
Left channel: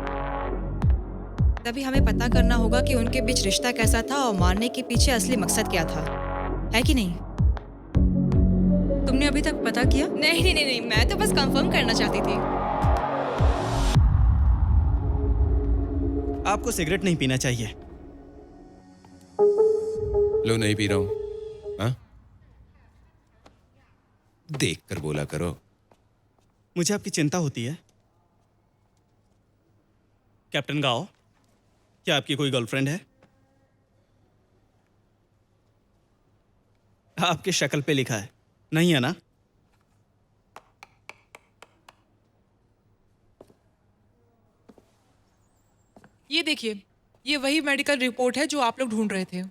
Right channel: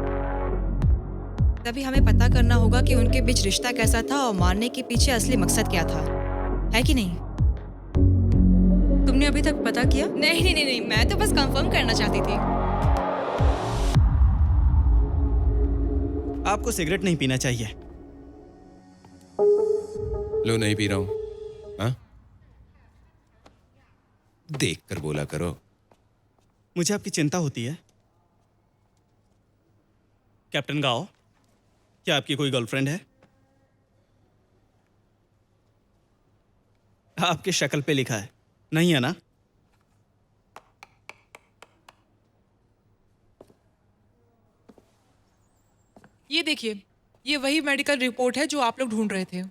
तभी हमें पता करना होगा कि उनके बीच रिश्ता कैसा था और मारने के पीछे असली मकसद क्या था, है कि नहीं? तुमने अभी तक पता किया? नहीं नहीं नहीं नहीं, मैं तो बस कंफर्म करना चाहती थी। आपको सिगरेट नहीं पीना चाहिए। लो, नहीं पी रहा हूं। हाँ, देख कर बोला करो। मुझे आपकी चिंता होती है। कैप्टन गाओ, क्या आपकी कोई गर्लफ्रेंड है? आपकी शक्ल पे लिखा है, नहीं है ना? ये देखिए, ये वही मेडिकल रिपोर्ट है जो आप लोग ढूंढ रहे थे।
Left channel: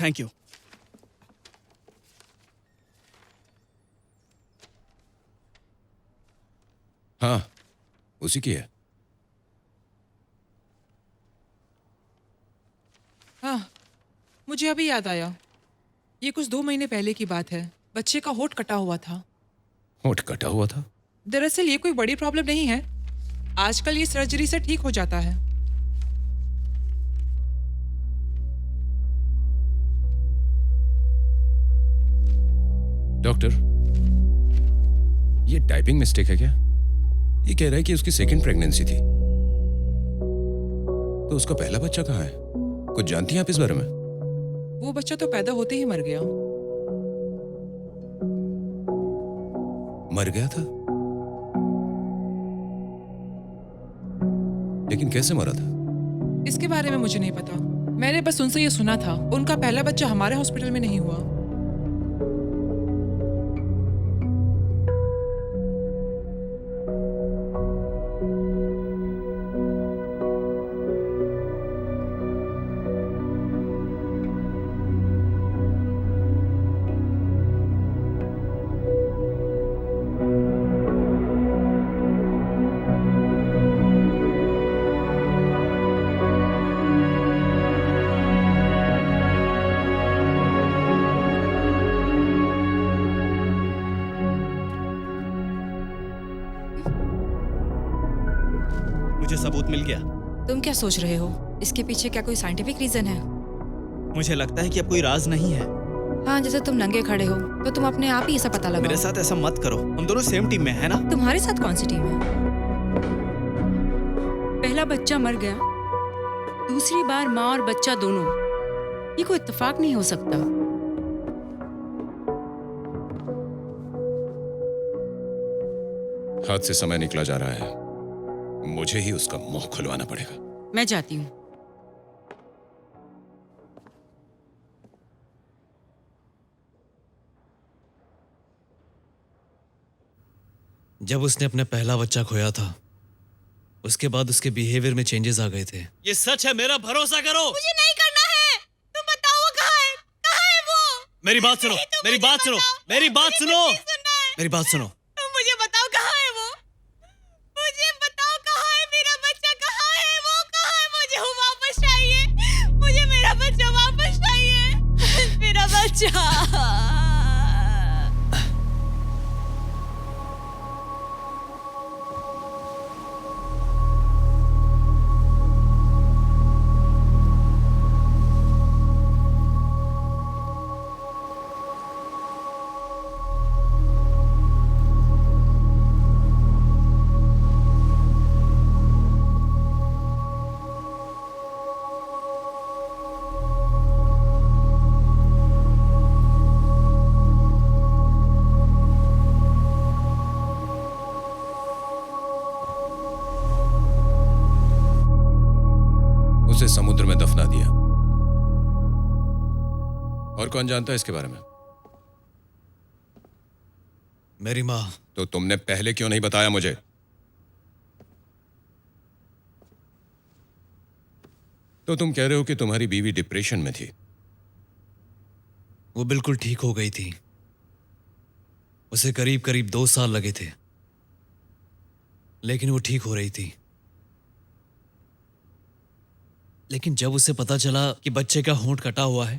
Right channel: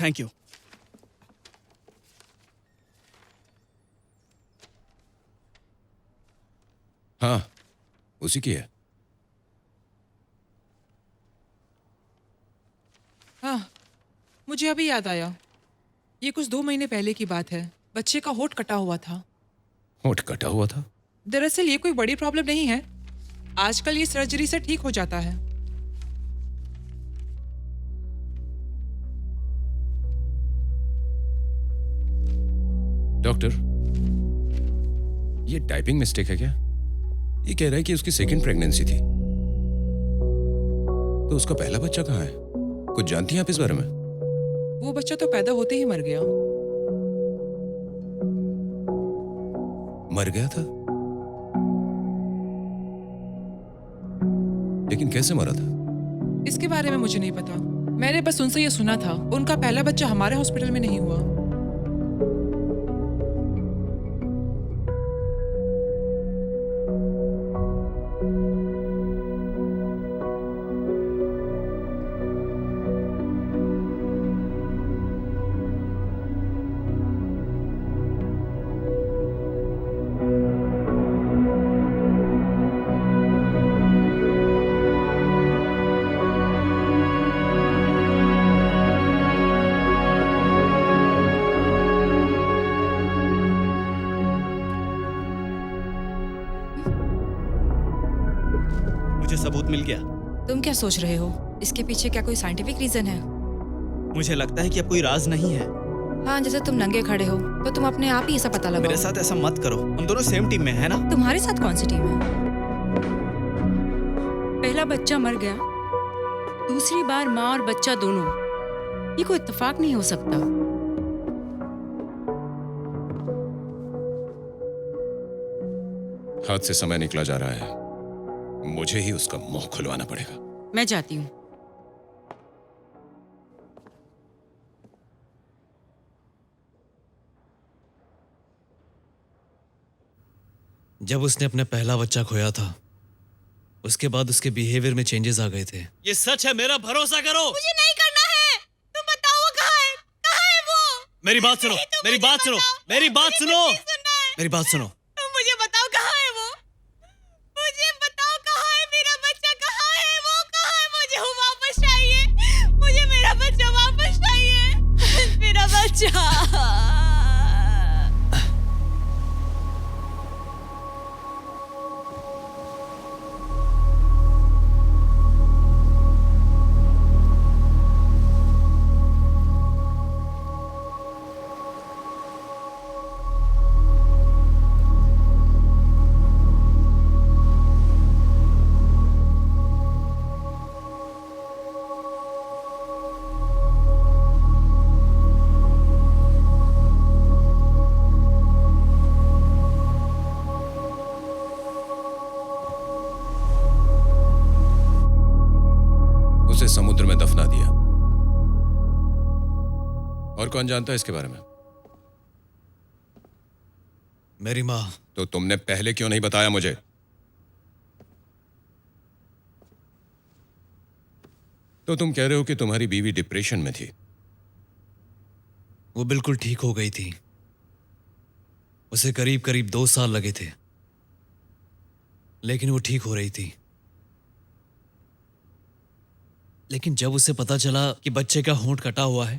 Thank you. हाँ, उसी की है। हाँ, मुझे अभी याद आया, ये कुछ 2 महीने पहले की बात है। बच्चे का होंठ कटा हुआ था। होंठ कटा हुआ था? दरअसल ये कोई बड़ी प्रॉब्लम नहीं है, आजकल ये सर्जरी से ठीक हो जाता है। डॉक्टर, ये टाइपिंग मिस्टेक है क्या? ये कह रहा है कि उसकी सेकंड प्रेगनेंसी थी। तो उसका पहला बच्चा कहाँ है? कुछ जानती हैं आप इस बारे में? वो बच्चा तो पैदा होते ही मर गया। मर गया था? लेकिन कैसे मरा था? इसके बारे में मुझे नहीं पता, मैंने बस उनसे ये सुना था। उनका पहला बच्चा हमारे हॉस्पिटल में नहीं हुआ। मुझे सबूत मिल गया। तुम क्या सोच रहे हो? इसके पीछे क्या कोई साइंटिफिक रीजन है? मुझे लगता है कि अब कोई राज नहीं है। हाँ, जैसे तुम नंगे खड़े हो तो तुम अपने आप ही ऐसा पता लगाओ। मेरे साथ ऐसा मत करो, हम दोनों सेम टीम में है ना? तुम्हारे साथ कौन सी टीम है? पहला बच्चा मर गया, दूसरी बार माँ और बच्चा दोनों। ये कोई इत्तेफाक नहीं हो सकता। हाथ से समय निकला जा रहा है, मुझे ही उसका मुंह खुलवाना पड़ेगा। मैं जाती हूँ। जब उसने अपना पहला बच्चा खोया था, उसके बाद उसके बिहेवियर में चेंजेस आ गए थे। ये सच है, मेरा भरोसा करो। मुझे नहीं करना है। तुम बताओ वो कहाँ है? कहाँ है वो? मेरी बात सुनो, मेरी बात सुनो, मेरी बात सुनो, मेरी बात सुनो। मुझे बताओ कहाँ है वो? मुझे बताओ कहाँ है मेरा बच्चा? कहाँ है वो? कहाँ है? मुझे वो वापस चाहिए। मुझे मेरा बच्चा वापस चाहिए। मेरा बच्चा। उसे समुद्र में दफना दिया। और कौन जानता है इसके बारे में? मेरी माँ। तो तुमने पहले क्यों नहीं बताया मुझे? तो तुम कह रहे हो कि तुम्हारी बीवी डिप्रेशन में थी। वो बिल्कुल ठीक हो गई थी। उसे करीब करीब 2 साल लगे थे, लेकिन वो ठीक हो रही थी। लेकिन जब उसे पता चला कि बच्चे का होंठ कटा हुआ है,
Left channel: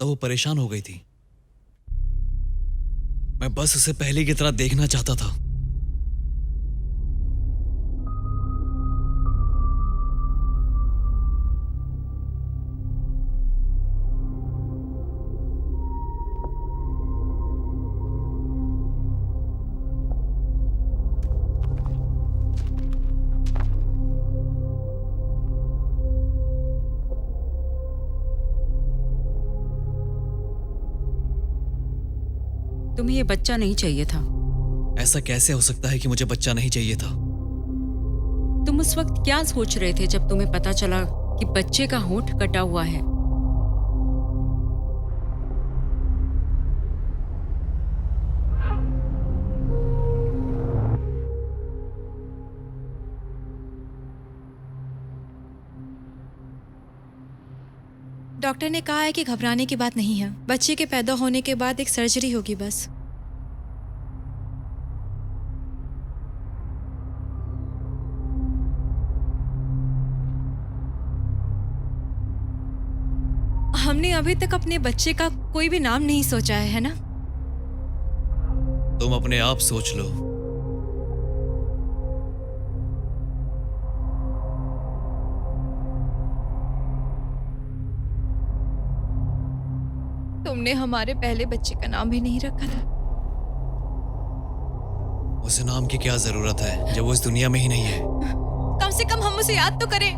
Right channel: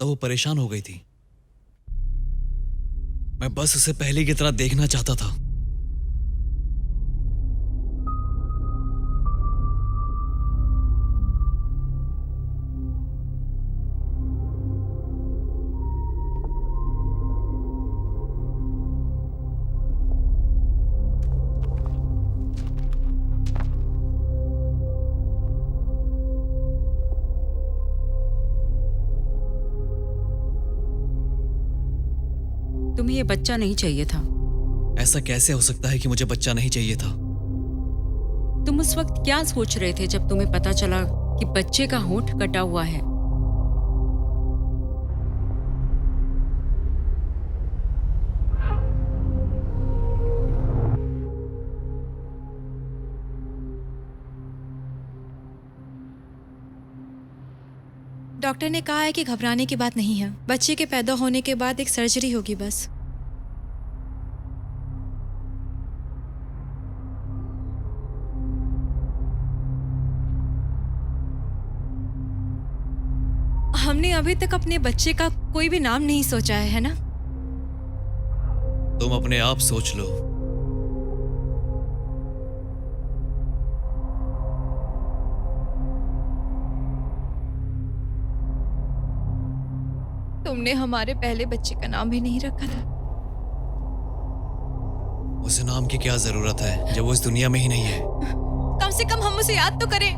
तो वो परेशान हो गई थी। मैं बस उसे पहले की तरह देखना चाहता था। तुम्हें ये बच्चा नहीं चाहिए था। ऐसा कैसे हो सकता है कि मुझे बच्चा नहीं चाहिए था? तुम उस वक्त क्या सोच रहे थे जब तुम्हें पता चला कि बच्चे का होंठ कटा हुआ है? डॉक्टर ने कहा है कि घबराने की बात नहीं है। बच्चे के पैदा होने के बाद एक सर्जरी होगी बस। हमने अभी तक अपने बच्चे का कोई भी नाम नहीं सोचा है ना? तुम अपने आप सोच लो। तुमने हमारे पहले बच्चे का नाम भी नहीं रखा था। उसे नाम की क्या जरूरत है जब वो इस दुनिया में ही नहीं है? कम से कम हम उसे याद तो करें,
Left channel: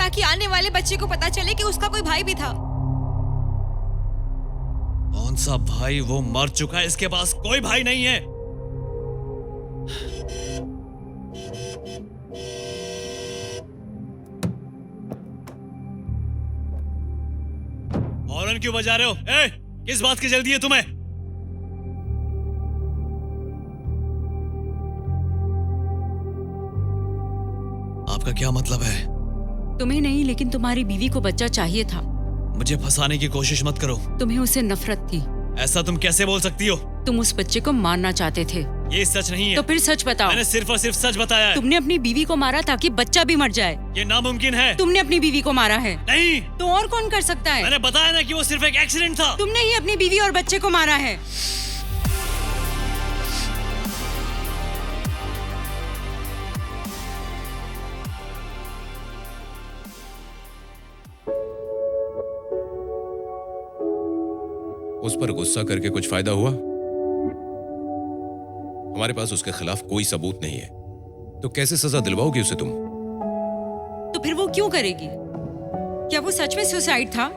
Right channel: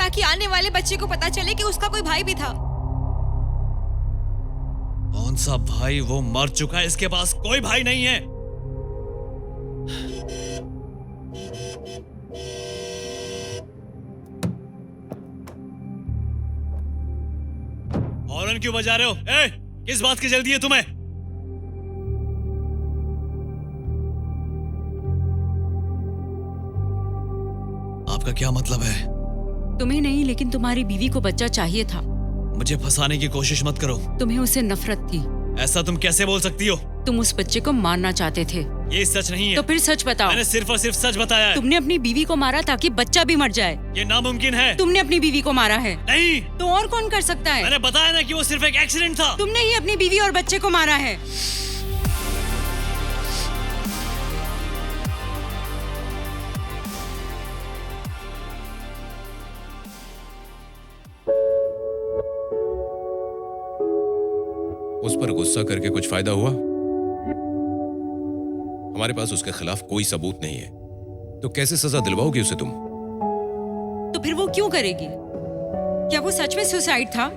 ताकि आने वाले बच्चे को पता चले कि उसका कोई भाई भी था। कौन सा भाई? वो मर चुका है, इसके पास कोई भाई नहीं है। हॉर्न क्यों बजा रहे हो? ए, किस बात की जल्दी है तुम्हें? आपका क्या मतलब है? तुम्हें नहीं, लेकिन तुम्हारी बीवी को बच्चा चाहिए था। मुझे फंसाने की कोशिश मत करो। तुम्हें उससे नफरत थी। ऐसा तुम कैसे बोल सकती हो? तुम उस बच्चे को मारना चाहते थे। ये सच नहीं है। तो फिर सच बताओ। मैंने सिर्फ और सिर्फ सच बताया है। तुमने अपनी बीवी को मारा ताकि बच्चा भी मर जाए। ये नामुमकिन है। तुमने अपनी बीवी को मारा है। नहीं, तो और कौन कर सकता है? मैंने बताया ना कि वो सिर्फ एक एक्सीडेंट था। तुमने ही अपनी बीवी और बच्चे को मारा है। उस पर गुस्सा करके कुछ फायदा हुआ? हमारे पास उसके खिलाफ कोई सबूत नहीं है, तो कैसे सजा दिलवाओगी उसे तुम? तो फिर वो क्यों करेगी? क्या वो सच में सुसाइड था?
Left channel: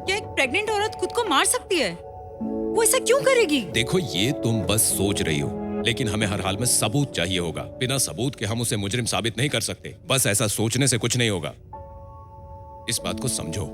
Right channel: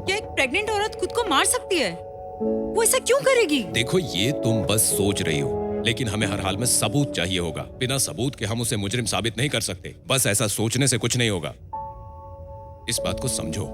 क्या एक प्रेग्नेंट औरत खुद को मार सकती है? वो ऐसा क्यों करेगी? देखो, ये तुम बस सोच रही हो, लेकिन हमें हर हाल में सबूत चाहिए होगा। बिना सबूत के हम उसे मुजरिम साबित नहीं कर सकते। बस ऐसा सोचने से कुछ नहीं होगा, इस बात को समझो।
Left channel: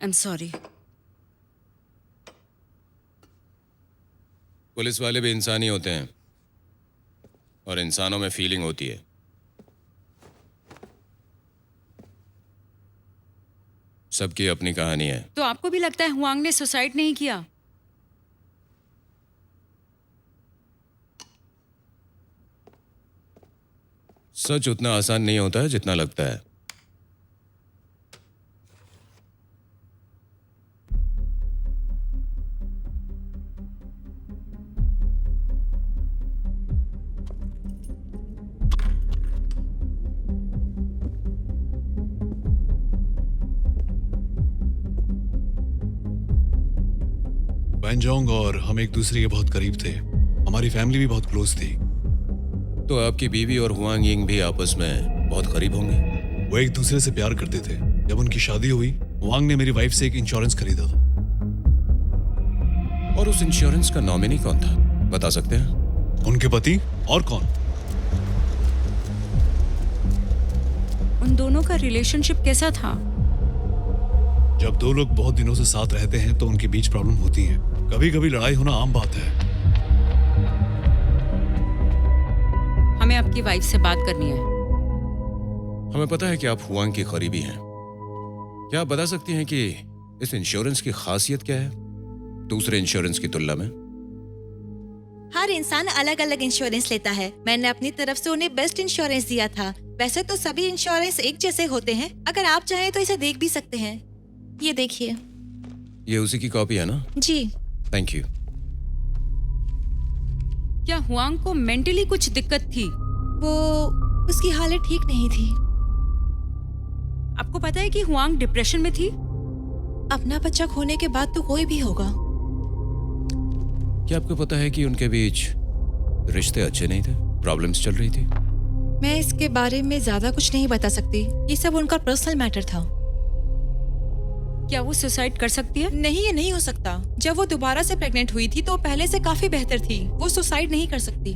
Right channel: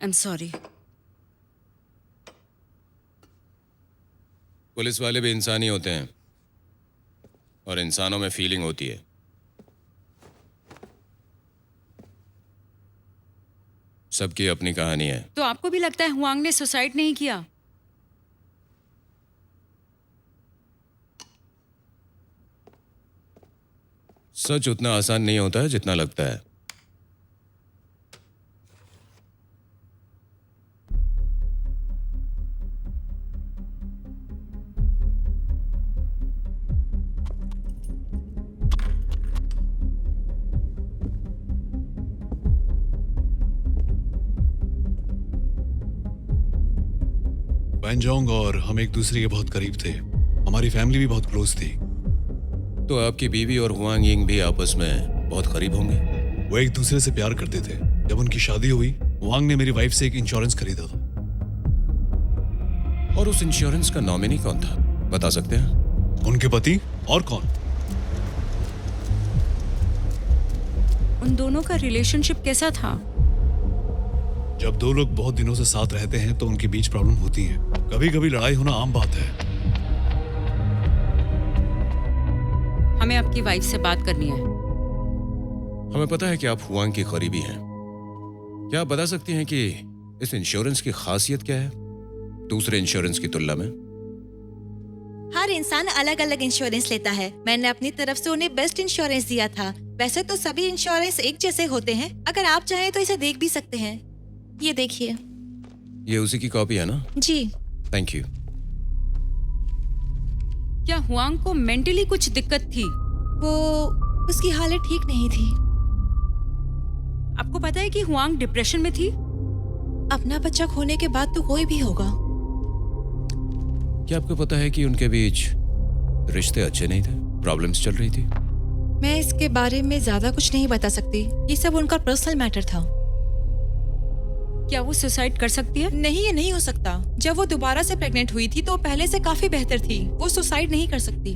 Am sorry. पुलिस वाले भी इंसान ही होते हैं और इंसानों में फीलिंग होती है। सबकी अपनी कहानी है। तो आपको भी लगता है हुआंग ने सुसाइड नहीं किया? सच उतना आसान नहीं होता है जितना लगता है। वैनजोंग और हम एक दूसरे के बहुत करीब थे। हमारी फैमिली भी बहुत क्लोज थी। तो आपकी बीवी और हुआंग यिंग भी आपस में बहुत करीब होंगे। वो एक दूसरे से प्यार करते थे। जब उनकी शादी हुई, वांग ने मेरी वाइफ से एक इंश्योरेंस खरीदा था। और उस इंश्योरेंस का नॉमिनी कौन था, बता सकते हैं? उनके पति। और कौन? उन दोनों का रिलेशनशिप कैसा था? जब दो लोग बहुत दिनों से साथ रहते हैं तो उनके बीच प्रॉब्लम होती है। कभी कभी लड़ाई होना आम बात है। हमें आपकी वाइफ से बात करनी है। हमें पता है कि आप हुआंग की करीबी हैं। क्या आप बता सकती हैं कि इस इंश्योरेंस की खासियत क्या है दूसरे इंश्योरेंस की तुलना में? हर इंसान अलग अलग इंश्योरेंस लेता है। मैंने अपनी तरफ से उन्हें बेस्ट इंश्योरेंस दिया था। वैसे तो सभी इंश्योरेंस एक जैसे होते हैं। अगर आप चाहें तो इसे देख भी सकते हैं। ये देखिए। ये उसी की कॉपी है ना? जी। Thank you. क्या हुआंग को मेंटली कुछ दिक्कत थी? वो उसकी हालत ठीक नहीं थी। आपको पता है कि हुआंग डिप्रेशन में थी? अपना बच्चा खोने के बाद तो कोई भी होगा। क्या आपको पता है कि उनके बीच रिश्ते अच्छे नहीं थे, प्रॉब्लम्स चल रही थी? मैं इसके बारे में ज्यादा कुछ नहीं बता सकती। ये सब उनका पर्सनल मैटर था। क्या वो सुसाइड कर सकती है? नहीं, ये नहीं हो सकता। जब वो दोबारा से प्रेग्नेंट हुई थी तो पहले से काफी बेहतर थी। वो सुसाइड नहीं कर सकती।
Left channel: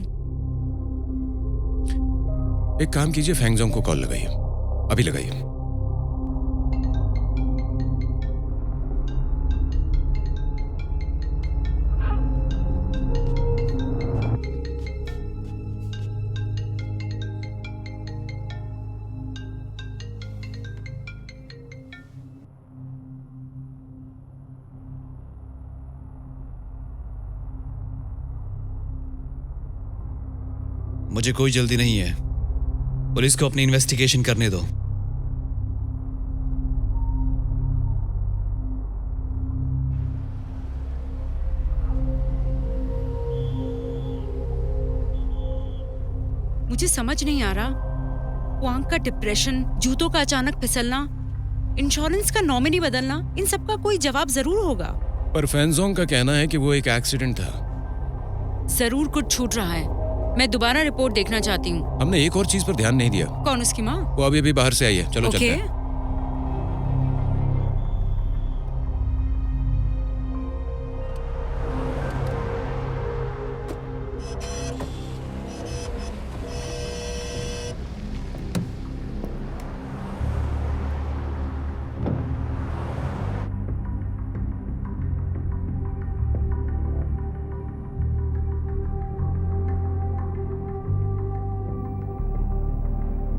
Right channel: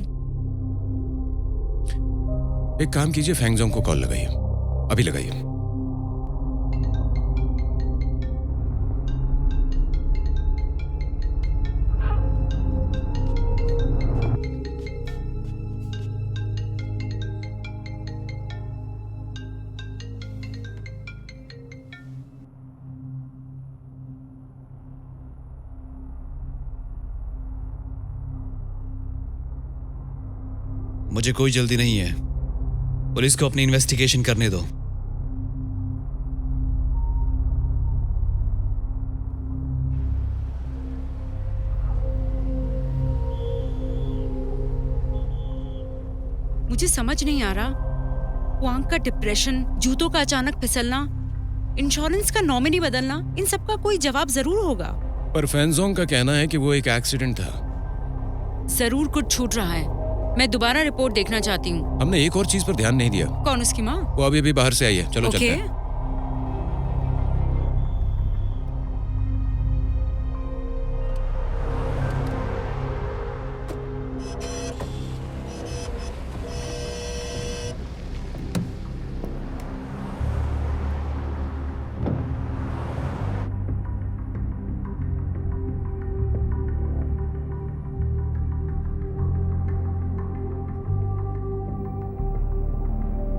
एक काम कीजिए, फैंगजोंग को कॉल लगाइए, अभी लगाइए। मुझे कोई जल्दी नहीं है। पुलिस को अपनी इन्वेस्टिगेशन करने दो। मुझे समझ नहीं आ रहा। हुआंग का डिप्रेशन, जूतों का अचानक फिसलना, इंश्योरेंस का नॉमिनी बदलना, इन सब का कोई जवाब जरूर होगा। पर फैंगजोंग का कहना है कि वो एक एक्सीडेंट था। जरूर कुछ छूट रहा है। मैं दोबारा रिपोर्ट देखना चाहती हूँ। हमने एक और चीज पर ध्यान नहीं दिया। कौन? उसकी माँ? वो अभी अभी बाहर से आई है। चलो चलते ओके। हैं।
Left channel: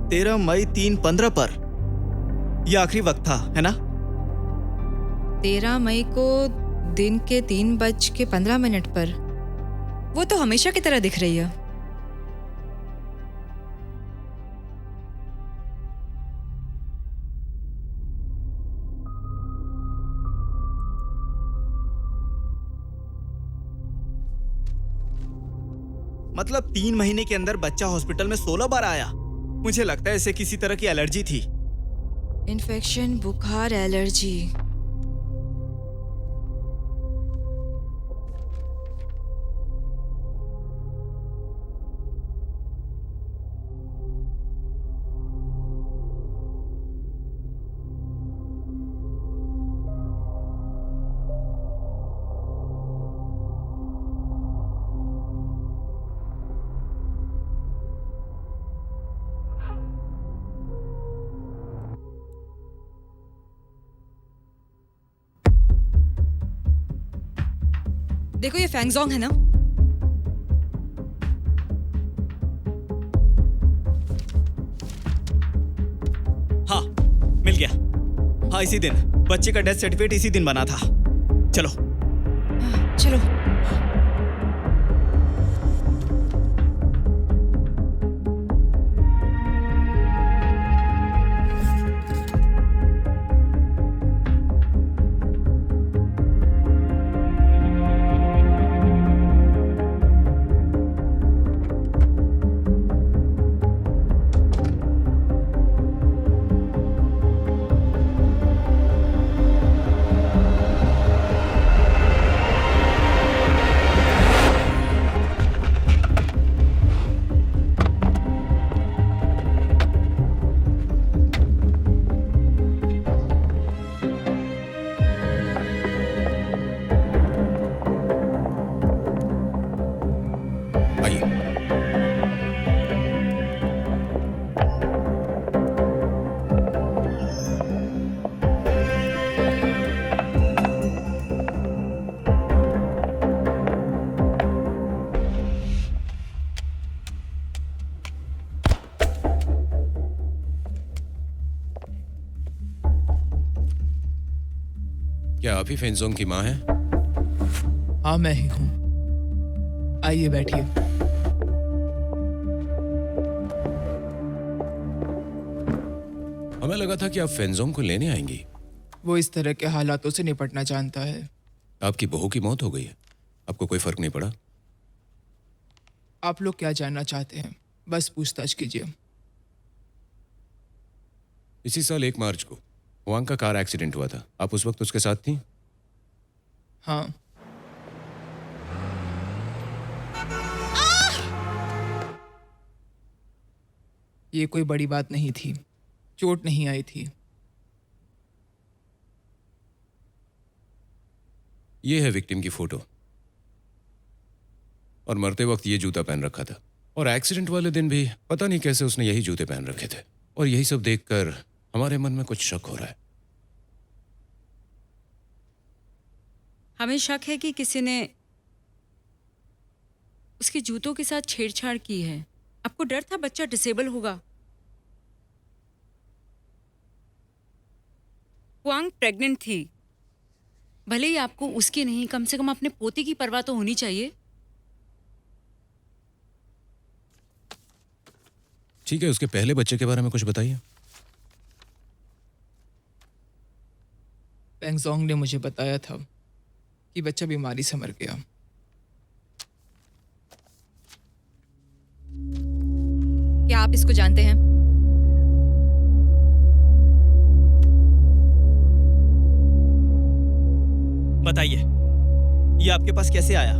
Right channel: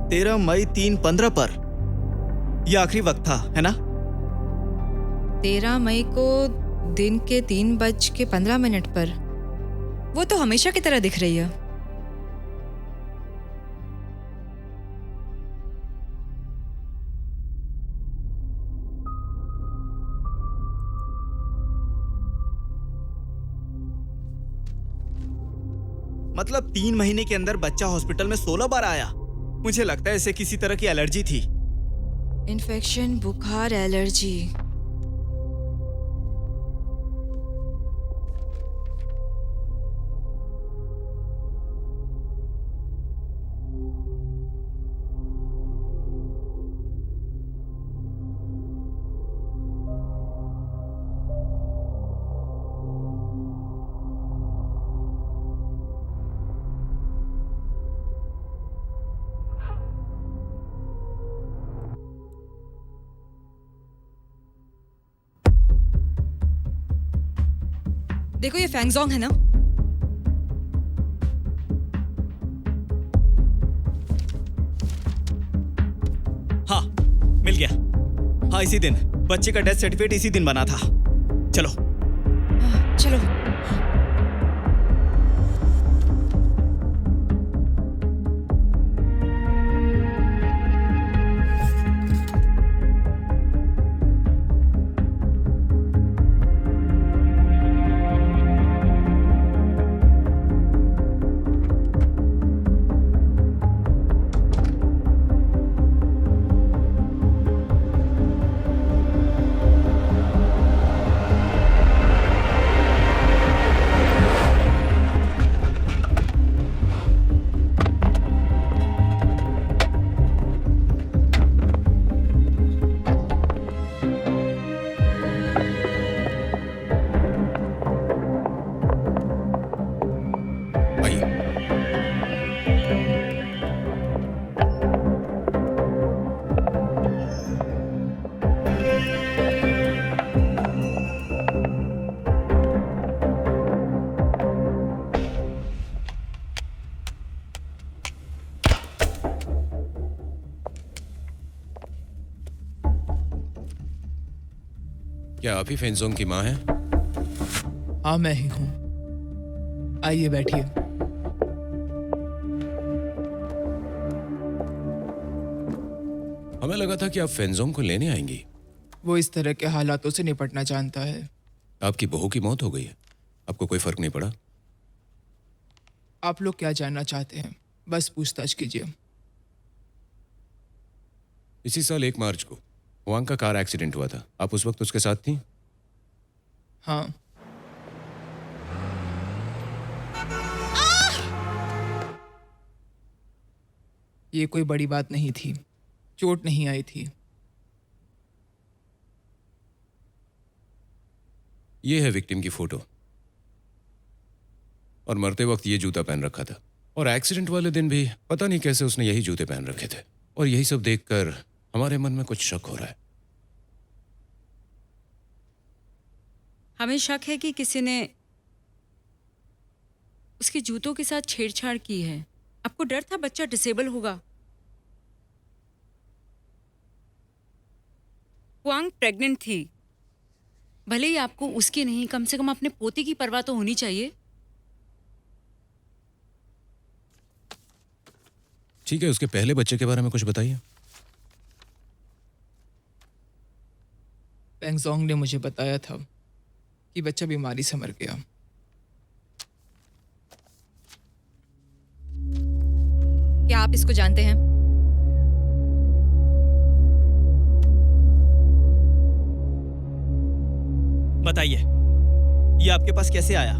तेरह मई 3:15 पर यह आखिरी वक्त था, है ना? 13 मई को दिन के 3:15 पर। वो तो हमेशा की तरह दिख रही है। मतलब 3 महीने के अंदर बच्चा हॉस्पिटल में 16 बार आया। मुझे लगता है इसे किसी तरह की एलर्जी थी। इन्फेक्शन, बुखार, एलर्जी। देखो ये फैंगजोंग है ना? हाँ, मिल गया। हाँ, इसी दिन बच्चे का डेथ सर्टिफिकेट इसी दिन बना था। चलो। चलो। आइए। क्या आप ही फेंजोंग की माँ हैं? हाँ, मैं ही हूँ। आइए बैठिए। हमें लगा था कि आप फेंजोंग को लेने आएंगी। वो इस तरह के हालातों से निपटना जानता है। आपकी बहू की मौत हो गई है, आपको कोई फर्क नहीं पड़ा? आप लोग क्या जानना चाहते हैं? बस पूछताछ कीजिए। इसी साल 1 मार्च को हुआंग का कार एक्सीडेंट हुआ था, आप उस वक्त उसके साथ थी? हाँ। ये कोई बड़ी बात नहीं थी, चोट नहीं आई थी। ये है विक्टिम की फोटो, और मरते वक्त ये जूता पहन रखा था, और एक्सीडेंट वाले दिन भी पता नहीं कैसे उसने यही जूते पहन रखे थे। और यही सब देखकर हमारे मन में कुछ शक हो रहा है। हमें शक है कि किसी ने उसके जूतों के साथ छेड़छाड़ की है। आपको डर था बच्चा डिसेबल होगा। हुआंग प्रेग्नेंट थी। भले ही आपको उसकी नहीं, कम से कम अपने पोते की परवाह तो होनी चाहिए। ठीक है, उसके पहले बच्चे के बारे में कुछ बताइए। पेंगजोंग ने मुझे बताया था कि बच्चा बीमारी से मर गया। क्या आप इसको जानते हैं? बताइए, ये आपके पास कैसे आया?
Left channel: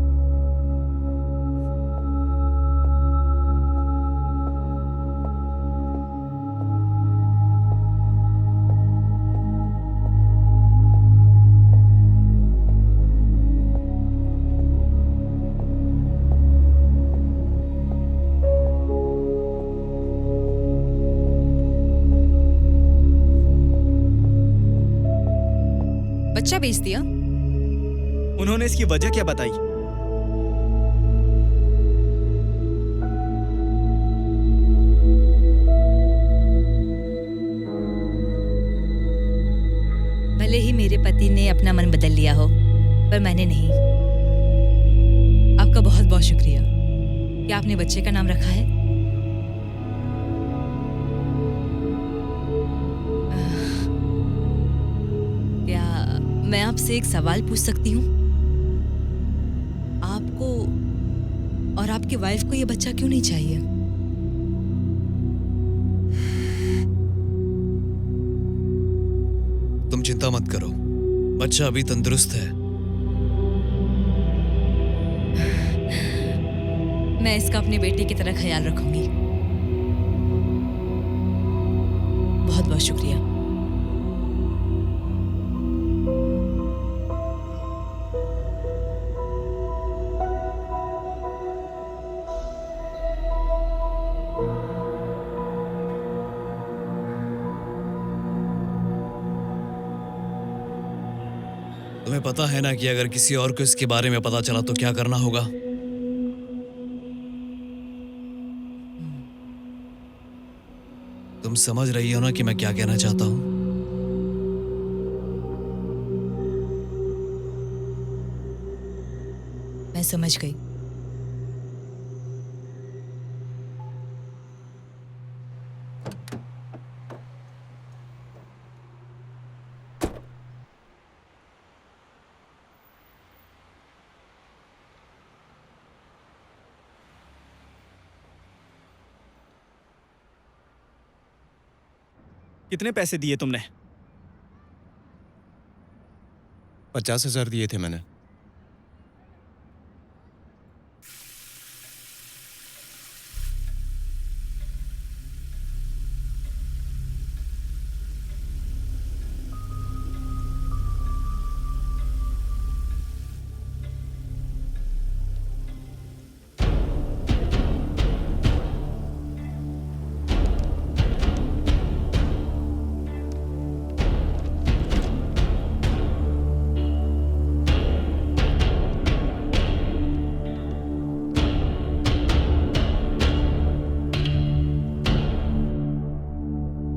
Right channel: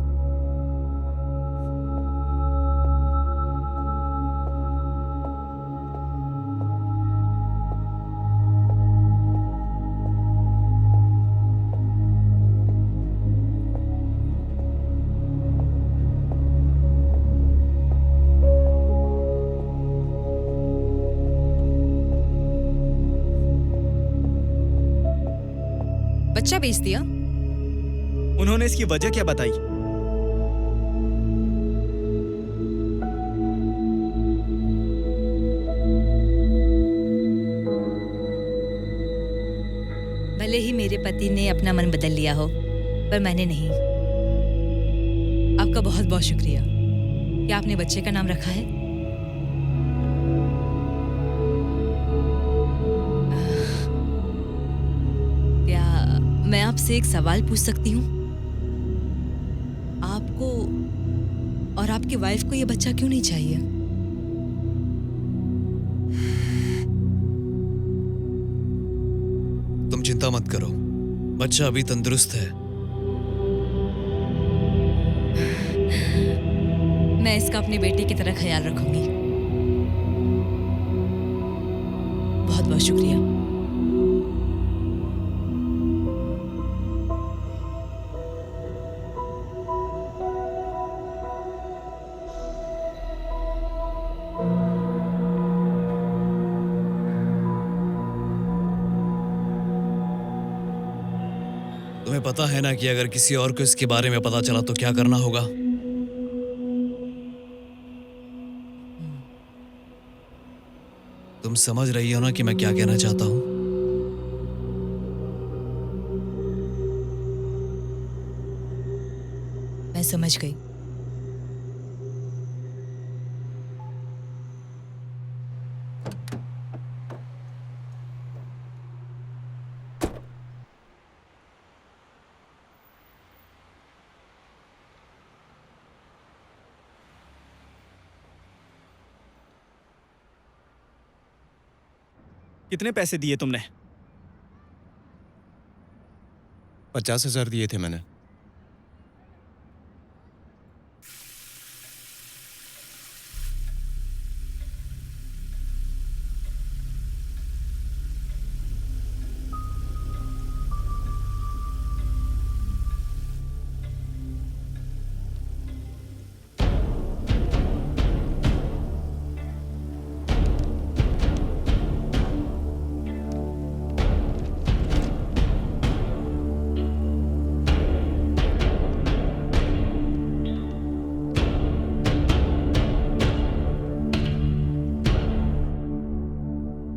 बच्चा बेच दिया? उन्होंने इसकी वजह क्या बताई? भले ही मेरे पति ने अपना मन बदल लिया हो, पर मैंने नहीं। आपका बहुत बहुत शुक्रिया। क्या आपने बच्चे का नाम रखा है? क्या मैं आपसे एक सवाल पूछ सकती हूँ? आपको और आपकी वाइफ को ये बच्चा क्यों नहीं चाहिए? तुम चिंता मत करो, बच्चा अभी तंदुरुस्त है। मैं इसका अपने बेटे की तरह ख्याल रखूंगी। बहुत बहुत शुक्रिया। तुम्हें पता है ना कि अगर किसी और को इसके बारे में पता चला तो क्या करना होगा? तुम समझ रही हो ना कि मैं क्या कहना चाहता हूं? मैं समझ गई। कितने पैसे दिए तुमने? 50,000 दिए थे मैंने।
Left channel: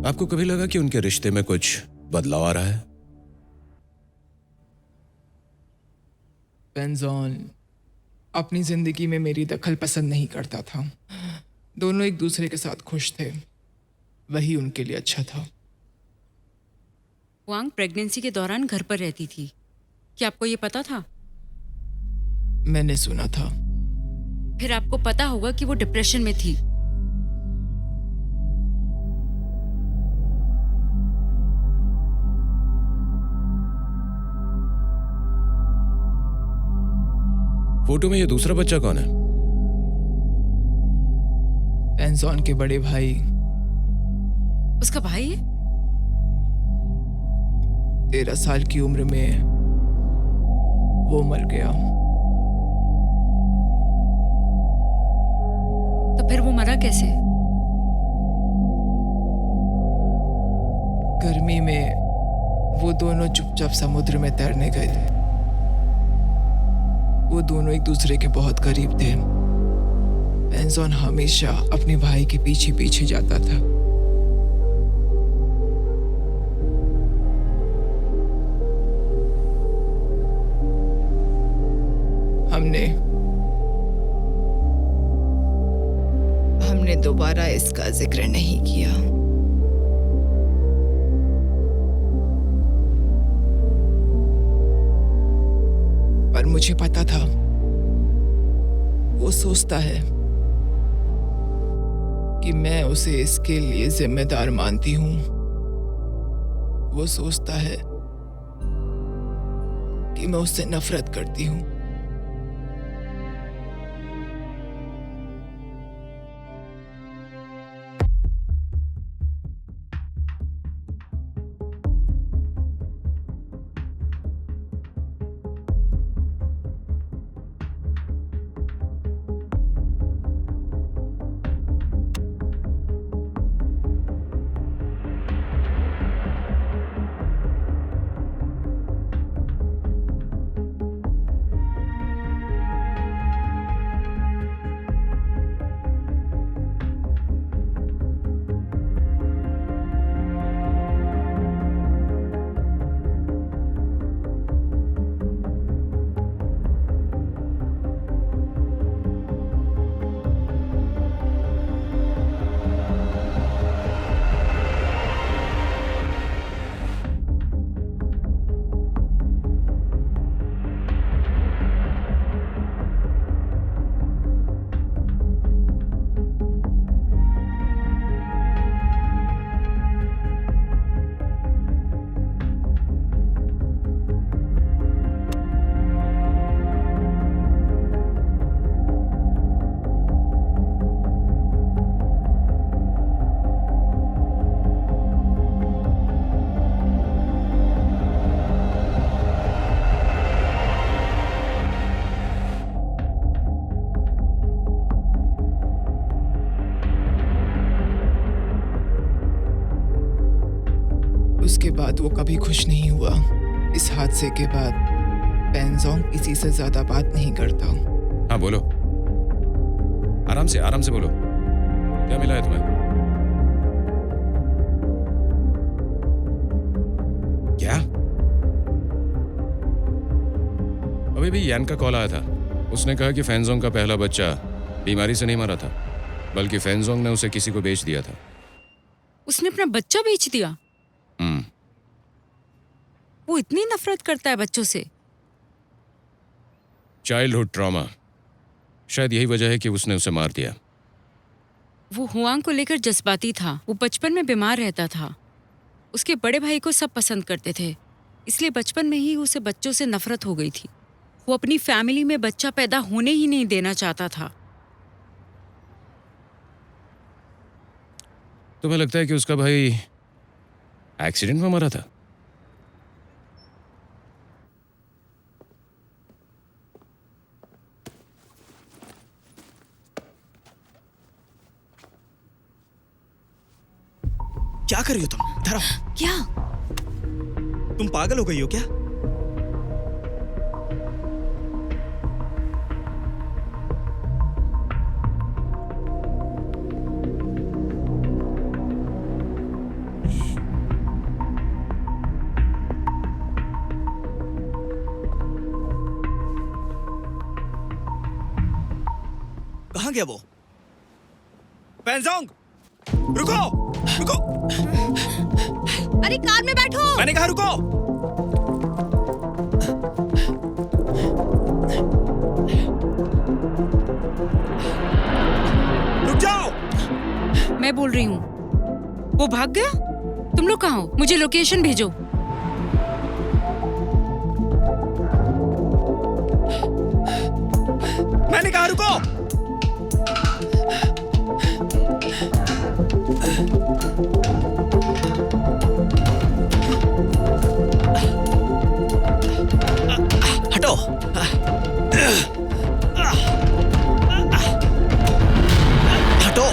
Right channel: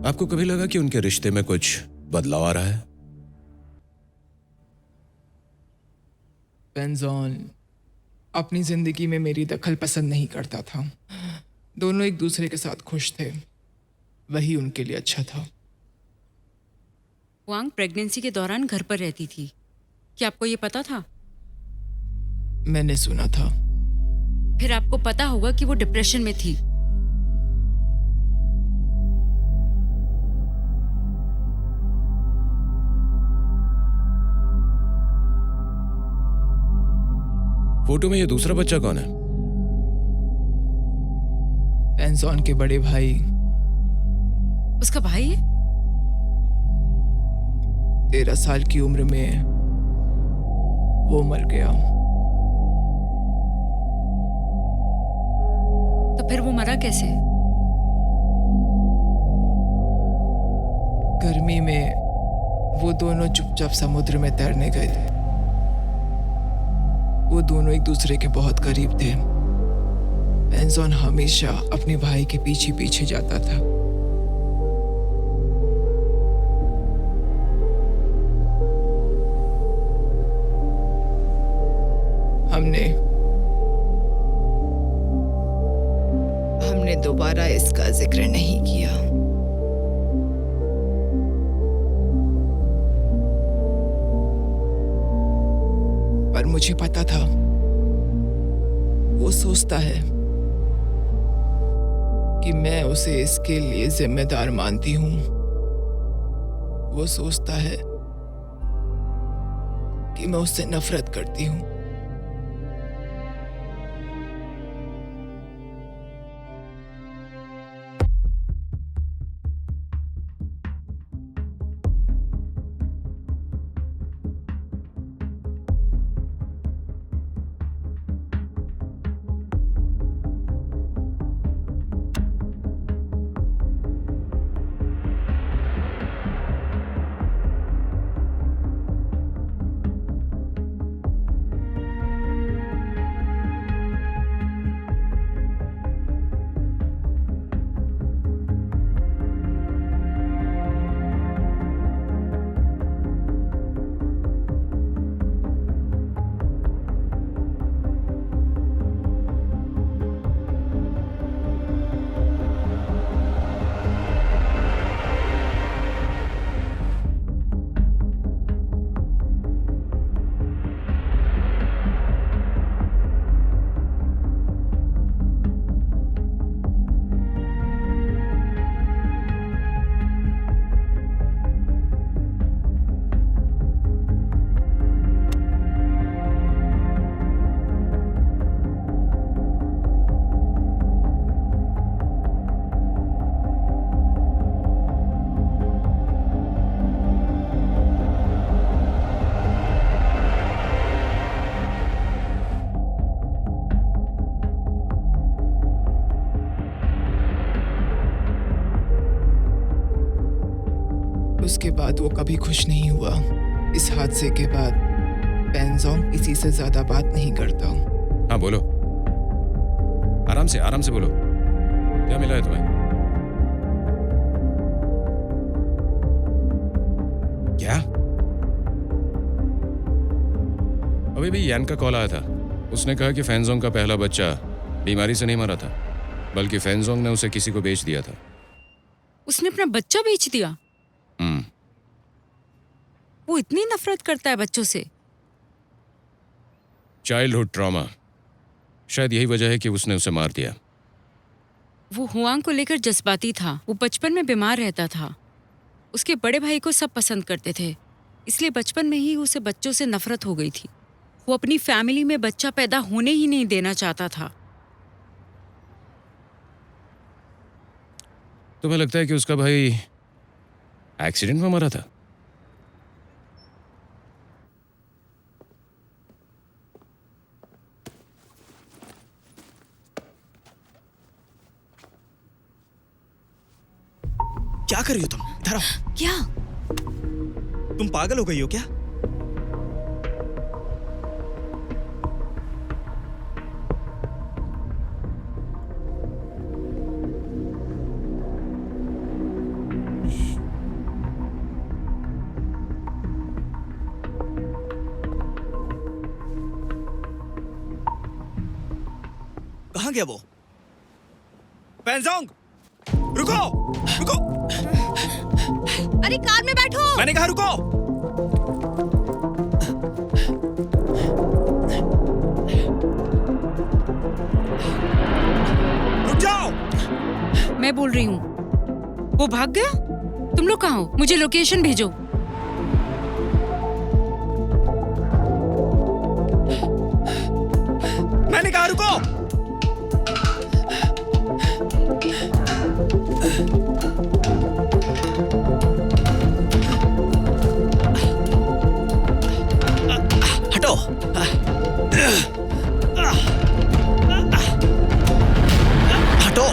आपको कभी लगा कि उनके रिश्ते में कुछ बदलाव आ रहा है? पेंजॉन अपनी जिंदगी में मेरी दखल पसंद नहीं करता था। दोनों एक दूसरे के साथ खुश थे, वही उनके लिए अच्छा था। वांग प्रेगनेंसी के दौरान घर पर रहती थी, क्या आपको ये पता था? मैंने सुना था। फिर आपको पता होगा कि वो डिप्रेशन में थी। फोटो में ये दूसरा बच्चा कौन है? पेंजॉन के बड़े भाई। उसका भाई है? 13 साल की उम्र में वो मर गया। तो फिर वो मरा कैसे? गर्मी में वो दोनों चुपचाप समुद्र में तैरने गए थे। वो दोनों एक दूसरे के बहुत करीब थे। पेंजॉन हमेशा अपने भाई के पीछे पीछे जाता था। हमने दोबारा इसका जिक्र नहीं किया। पर मुझे पता था वो सोचता है कि मैं उसे इसके लिए जिम्मेदार मानती हूं। वो सोचता है कि मैं उससे नफरत करती हूं। उसके बाद वो कभी खुश नहीं हुआ। इस हादसे के बाद पेंजोंग किसी से ज्यादा बात नहीं करता। हाँ बोलो, आराम से बोलो, क्या मिला है तुम्हें? क्या? अभी भी यान का कॉल आया था। उसने कहा कि फैंजोंग का पहला बच्चा बीमारी से नहीं मरा था, बल्कि फैंजोंग ने उसे किसी को बेच दिया था। उसने अपना बच्चा बेच दिया? वो इतनी नफरत करता है बच्चों से? चाइल्डहुड ट्रॉमा, शायद यही वजह है कि उसने उसे मार दिया। वो हुआंग को लेकर जज्बाती था। वो बचपन में बीमार रहता था। उसके बड़े भाई को सब पसंद करते थे, इसलिए बचपन में ही उसे बच्चों से नफरत हो गई थी। वो अपनी फैमिली में बच्चा पैदा होने ही नहीं देना चाहता था। तुम्हें लगता है कि उसका भाई एक्सीडेंट में मरा था? क्या कर रही हो तुम? इधर आओ। क्या? तुम पागल हो गई हो क्या? कहाँ गया वो? पेंजोंग, रुको रुको। अरे कार में बैठो। मैंने कहा रुको। रुक जाओ। मैं बोल रही हूँ, वो भाग गया? तुम लोग कहाँ हो? मुझे लोकेशन भेजो। मैंने कहा रुको। हटो। हटो।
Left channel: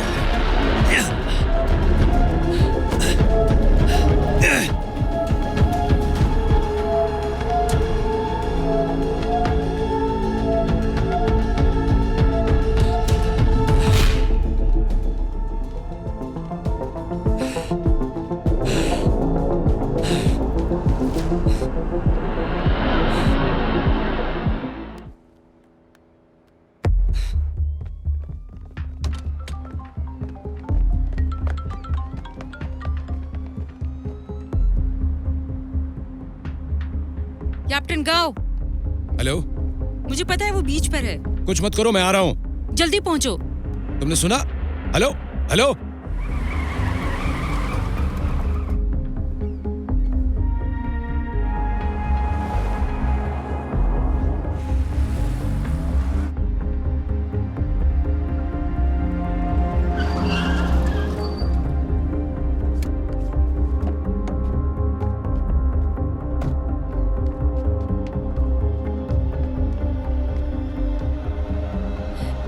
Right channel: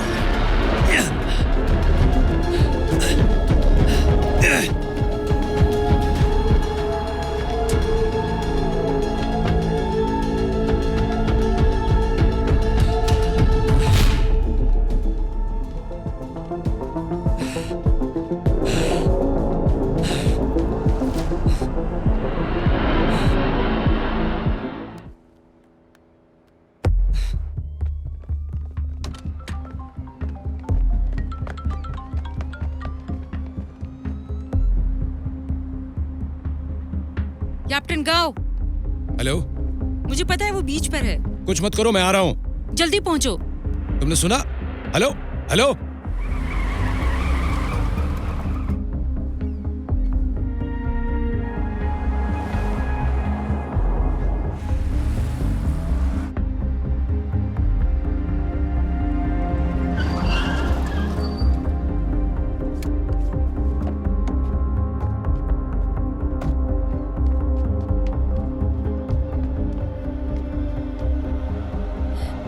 कैप्टन गाओ। हेलो, मुझे पता है वो बीच पर है। कुछ मत करो, मैं आ रहा हूं। जल्दी पहुंचो। तुमने सुना? Hello hello.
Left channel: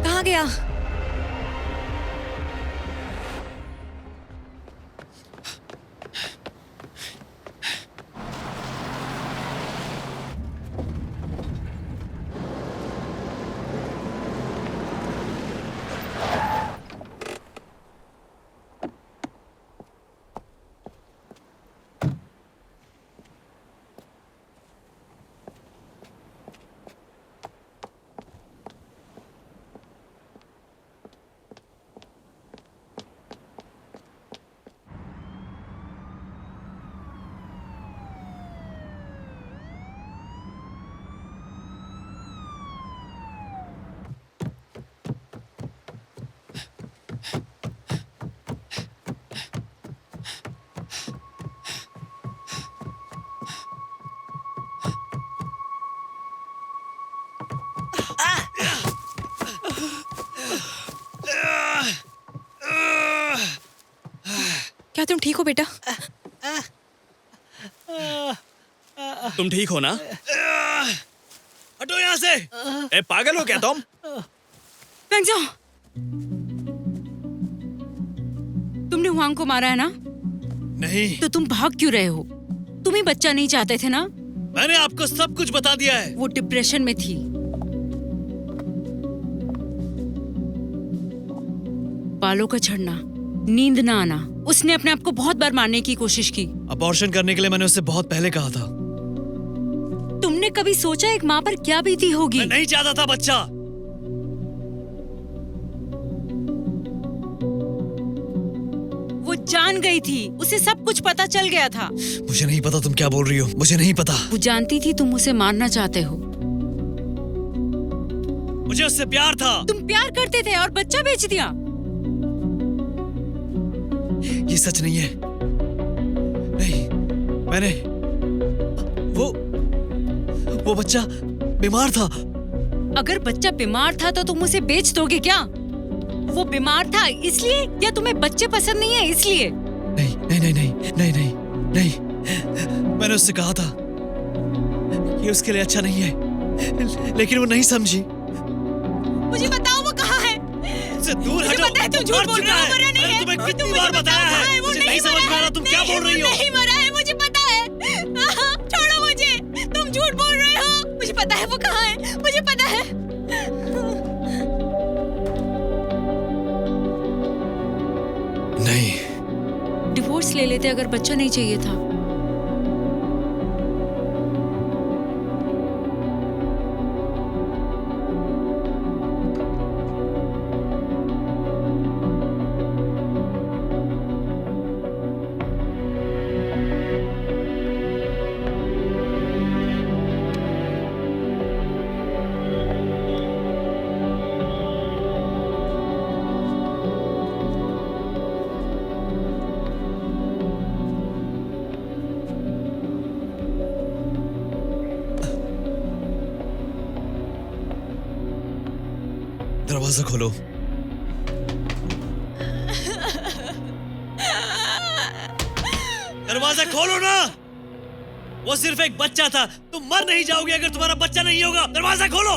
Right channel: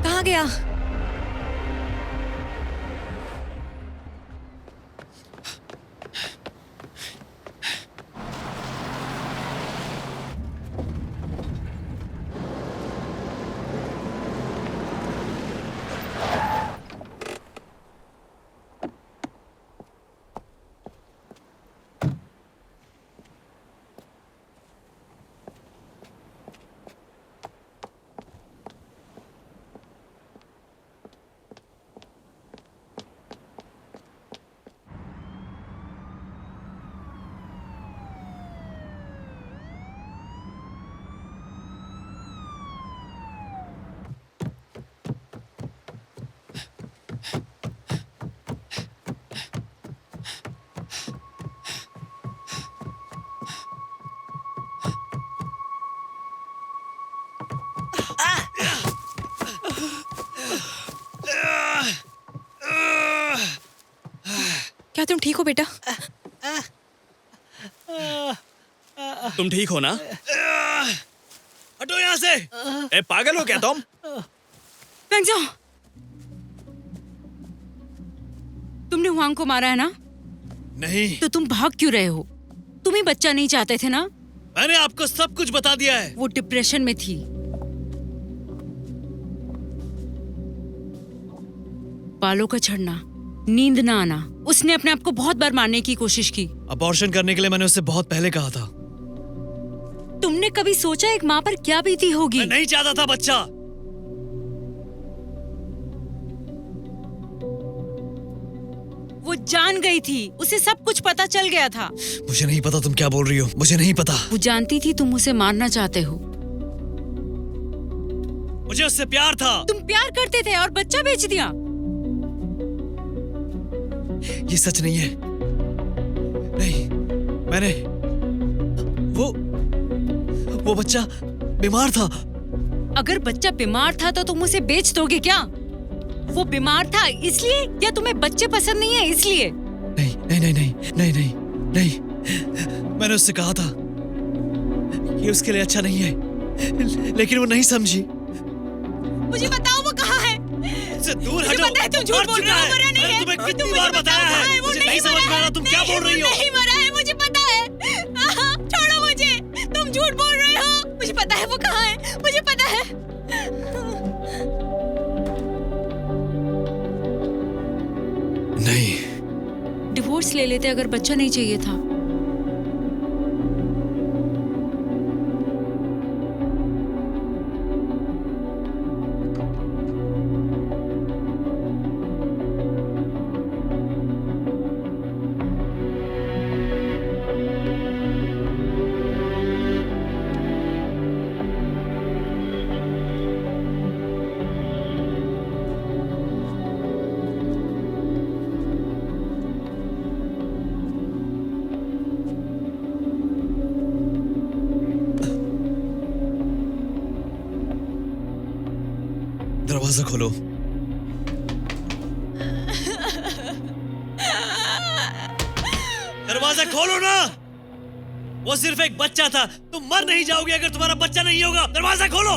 कहाँ गया? क्या तुम ठीक हो बेटा? तुम ठीक हो ना? हटो यहाँ से। ए, पागल हो क्या तुम? पेंजोंग, तुमने हुआंग को मारा है ना? नहीं। तो तुम भाग क्यों रहे हो? तुम ही बच्चा नहीं चाहते थे ना? मैंने आपको सब कुछ बता दिया है। वो डिप्रेशन में थी। बालों का झड़ना, नींद ना आना, उसने अपने आप को बहुत बार मारने की कोशिश की। अबॉर्शन करने के लिए मैंने उससे बहुत पहले कहा था। तुमने कभी सोचा एक माँ पर क्या बीती होगी? मैं नहीं चाहता था बच्चा। वो जान गई थी, उसे सब कुछ पता चल गया था। मुझे नहीं पता तुम क्या बोल रही हो, मुझे नहीं पता। वो जानती थी तुम उसे मारना चाहते हो। मुझे उससे प्यार था। तुम प्यार करते थे और बच्चा बेच दिया। ये सच नहीं है। नहीं, मैंने वो बच्चा बीमार था। अगर बच्चा बीमार था तो तुम उसे बेच दोगे क्या? वो बीमार था इसलिए, या तुम्हें बच्चे पसंद नहीं है इसलिए? नहीं नहीं नहीं नहीं नहीं नहीं नहीं, मैंने उससे कहा था कि उसके लिए अच्छा नहीं है, लेकिन वो नहीं समझी। मुझे बताओ वो कहाँ है? उससे दूर मुझे हटो। पता है तुम झूठ बोल रहे हो, मरा नहीं मैंने है। तुम्हें कितनी मुझे बार बताओ बताया कहाँ है, वो मुझे नहीं नहीं समझ मरा में आ रहा है। तुम क्या बोल रही हो। नहीं मरा है, मुझे पता है। छोड़ो मुझे, तुम झूठ बोल रहे हो। मुझे पता है वो कहाँ है, मुझे पता है। नहीं, डिवोर्स ले लेते अगर बच्चा नहीं चाहिए था। दरवाजा खोलो। दरवाजा खोलो ना। वो सिर्फ एक बच्चा था, तुम मर नहीं जाओगे अगर तुम्हारा बच्चा नहीं होगा। दरवाजा खोलो,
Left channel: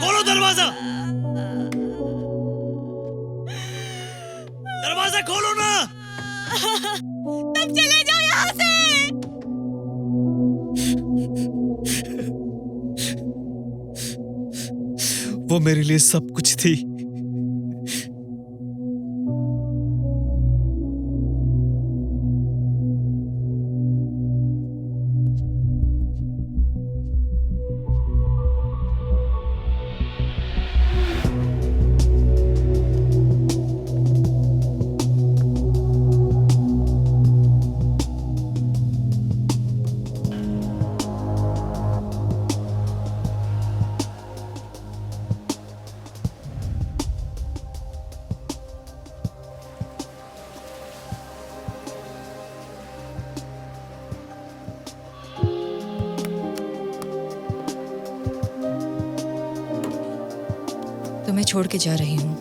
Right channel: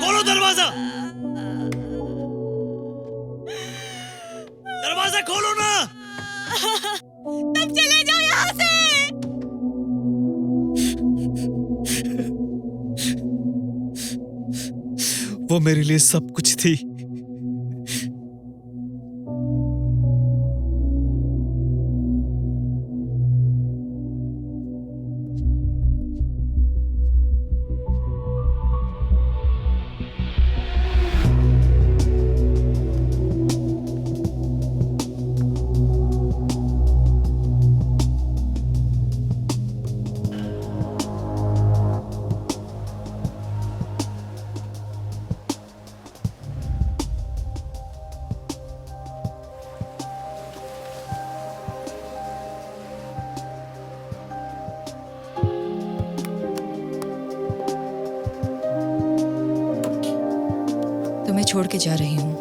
खोलो दरवाजा। दरवाजा खोलो ना। तुम चले जाओ यहाँ से। वो मेरे लिए सब कुछ थी। तो मैं छोड़ के जा रही हूँ।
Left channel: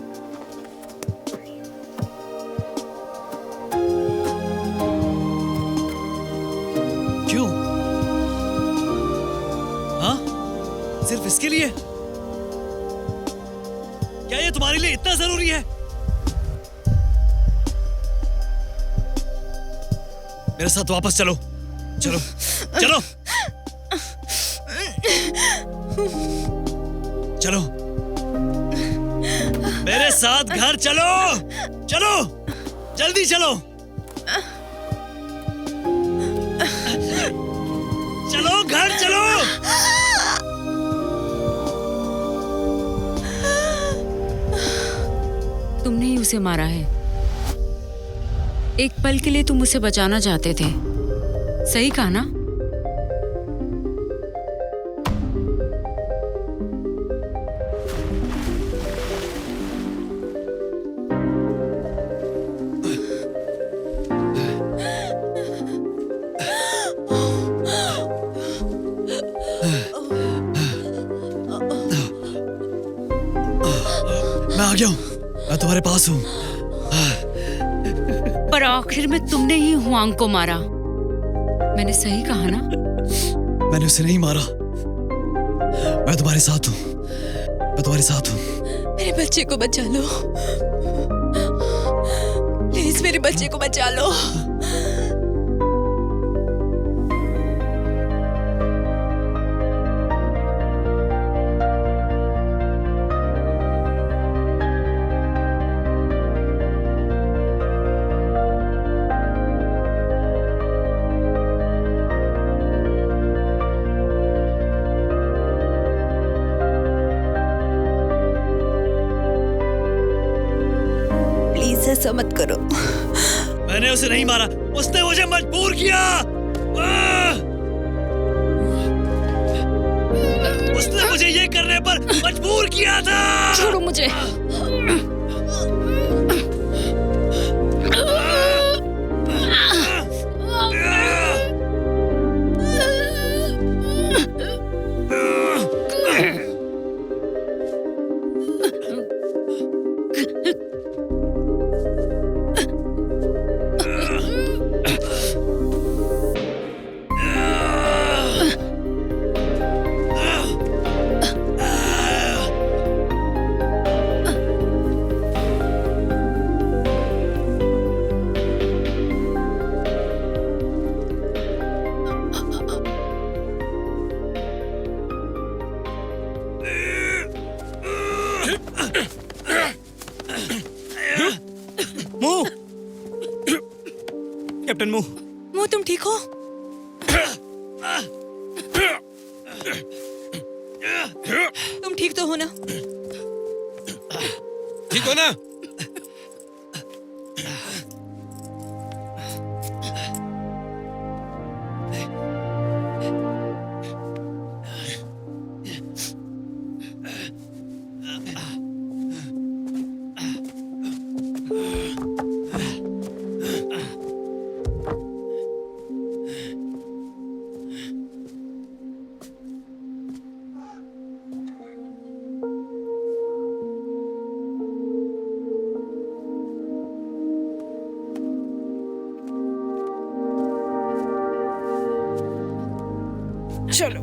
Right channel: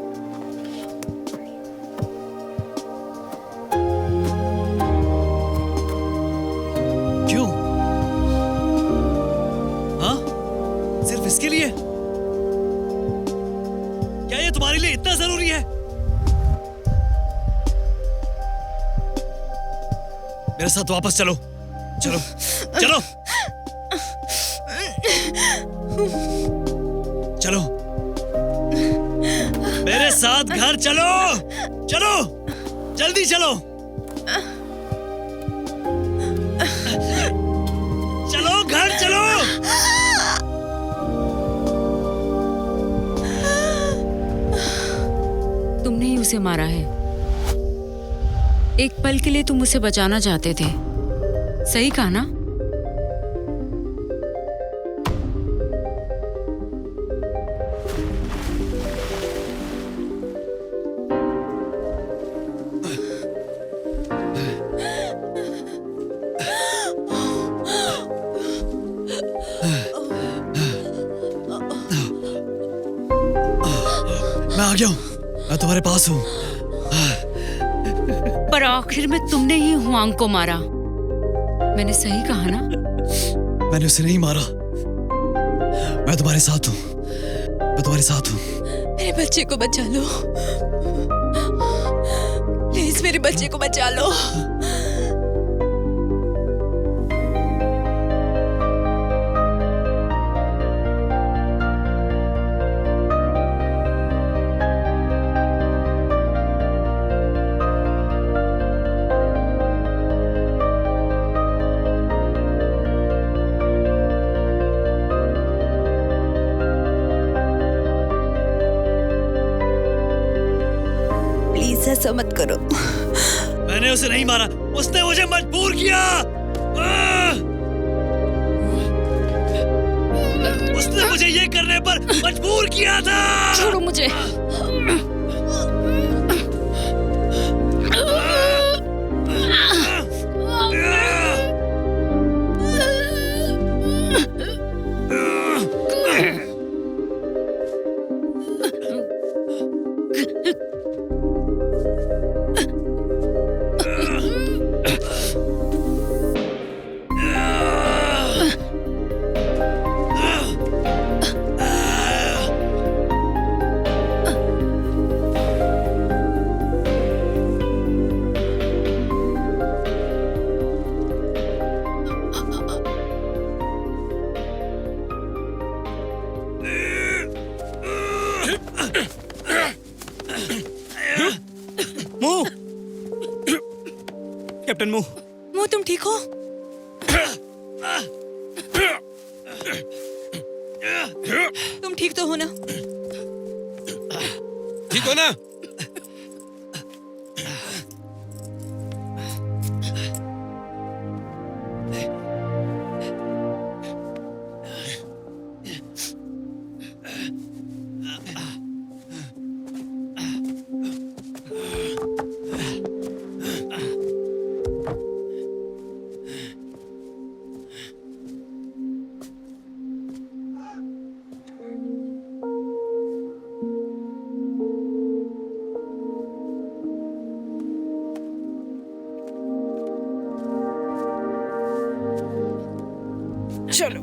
क्यों? हाँ? सिर्फ इसके लिए? क्या ये तुम्हारे लिए इतना जरूरी है? मेरे साथ वापस चलो, चलो, चलो, चलो, मेरे साथ घर चलो, चलो, जल्दी चलो, चलो घर चलो। तुमने ही उसे मारा है। एक पल के लिए तुम उसे बचाना चाहते थे, सही कहा ना? मैं आ गया हूं, मैं तुम्हारे पास हूं। पर आखिर में तुमने ही हुआंग को मारा। मैंने सही कहा ना? मैंने उसे नहीं मारा। मैं तुम्हारे साथ हूं, मैं तुम्हारे साथ हूं। मेरे बच्चे को बचा लो, प्लीज मेरे बच्चे को बचा लो। प्लीज ऐसा मत करो। मैंने उसे नहीं मारा, उसने मुझे मजबूर किया। उसने मुझे ये करने पर मजबूर किया था। छोड़ो मुझे। मुंह, कैप्टन मुंह, मुंह तुम ठीक हो? तुम ठीक तो हो ना? ठीक हो ना? चलो।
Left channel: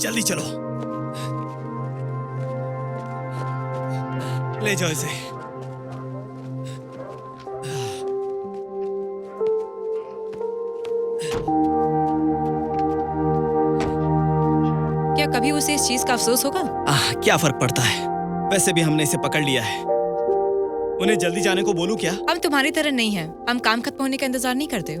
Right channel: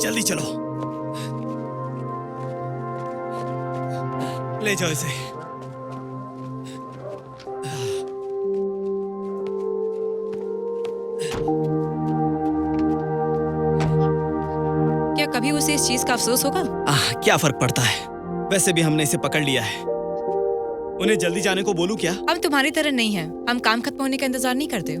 जल्दी चलो, ले जाओ इसे। क्या कभी उसे इस चीज का अफसोस होगा? क्या फर्क पड़ता है, वैसे भी हमने इसे पकड़ लिया है। उन्हें जल्दी जाने को बोलूं क्या? हम तुम्हारी तरह नहीं है, हम काम खत्म होने का इंतजार नहीं करते।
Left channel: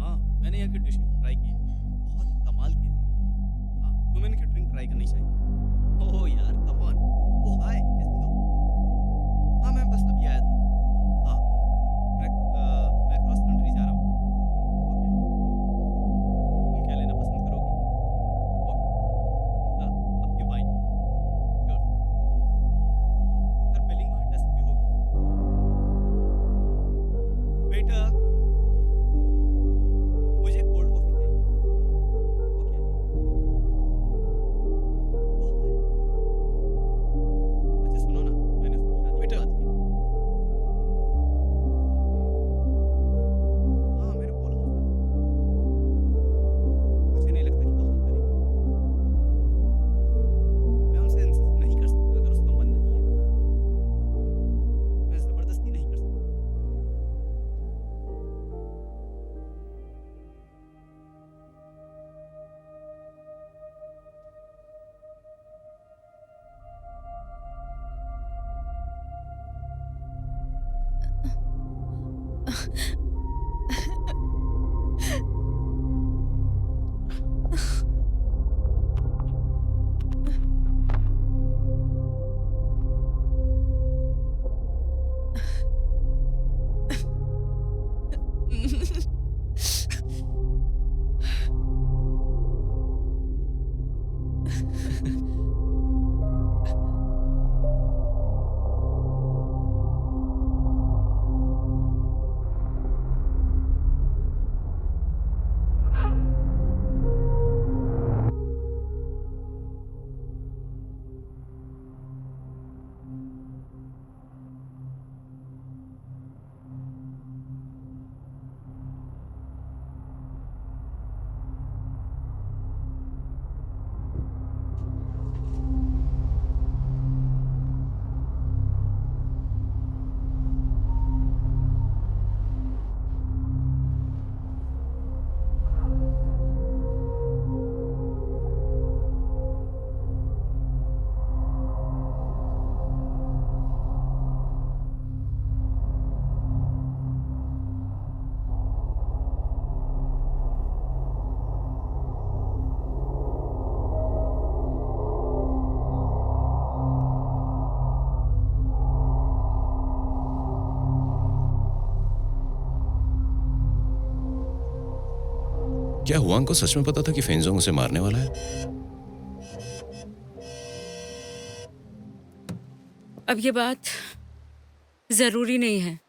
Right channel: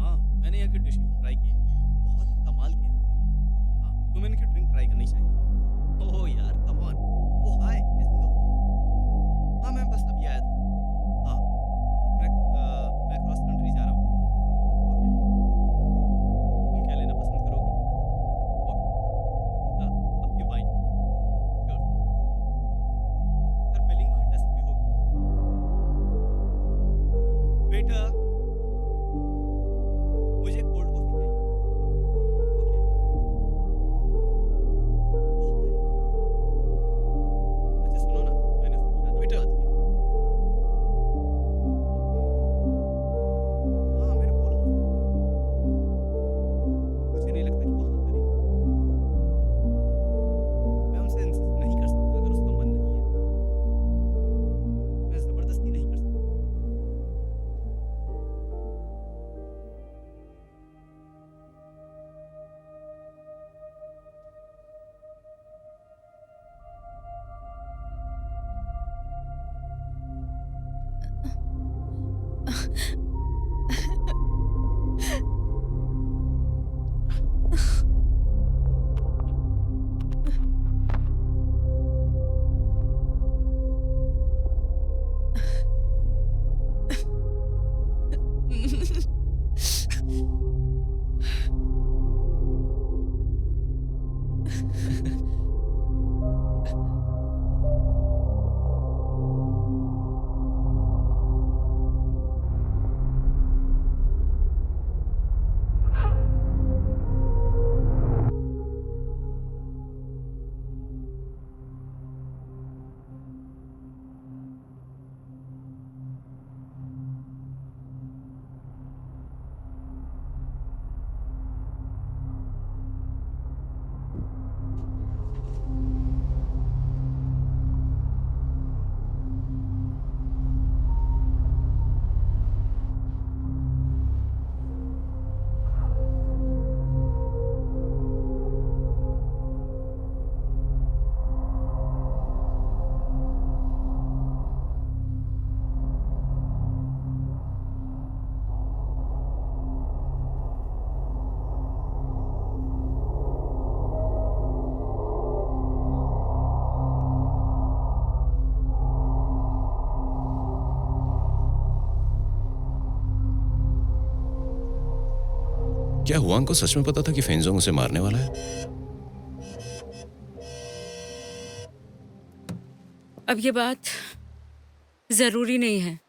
हाँ, मैंने यहाँ की डिश ट्राई की है, बहुत ही कमाल की है। हाँ, तुम्हें इनकी ड्रिंक ट्राई करनी चाहिए। ओह यार, कम ऑन। ओह हाय, कैसी हो? हाँ, मैं बस अभी आया था। हाँ, मैं क्रॉस कंट्री जा रहा हूँ। ओके, तुम क्या लेना पसंद करोगी? ओके, आपकी वाइन। श्योर। सर, बिलिंग वहाँ डेस्क पे होगी। वेटर, मुझे कोल्ड कॉफी चाहिए। ओके। ओह हाय। अच्छा सुनो ना, मैंने उससे शादी की बात की थी। हाँ, मैंने बोला उससे। मुझे नहीं लगता कि वो हाँ करेगी। मैं उनसे इंसिस्ट नहीं कर सकता अगर उसका मन नहीं है। मैं जबरदस्ती नहीं कर सकता। क्या हुआंग को सच में पता था कि फेंजोंग उसे मारने वाला है? अब ये बात जरूरी नहीं है।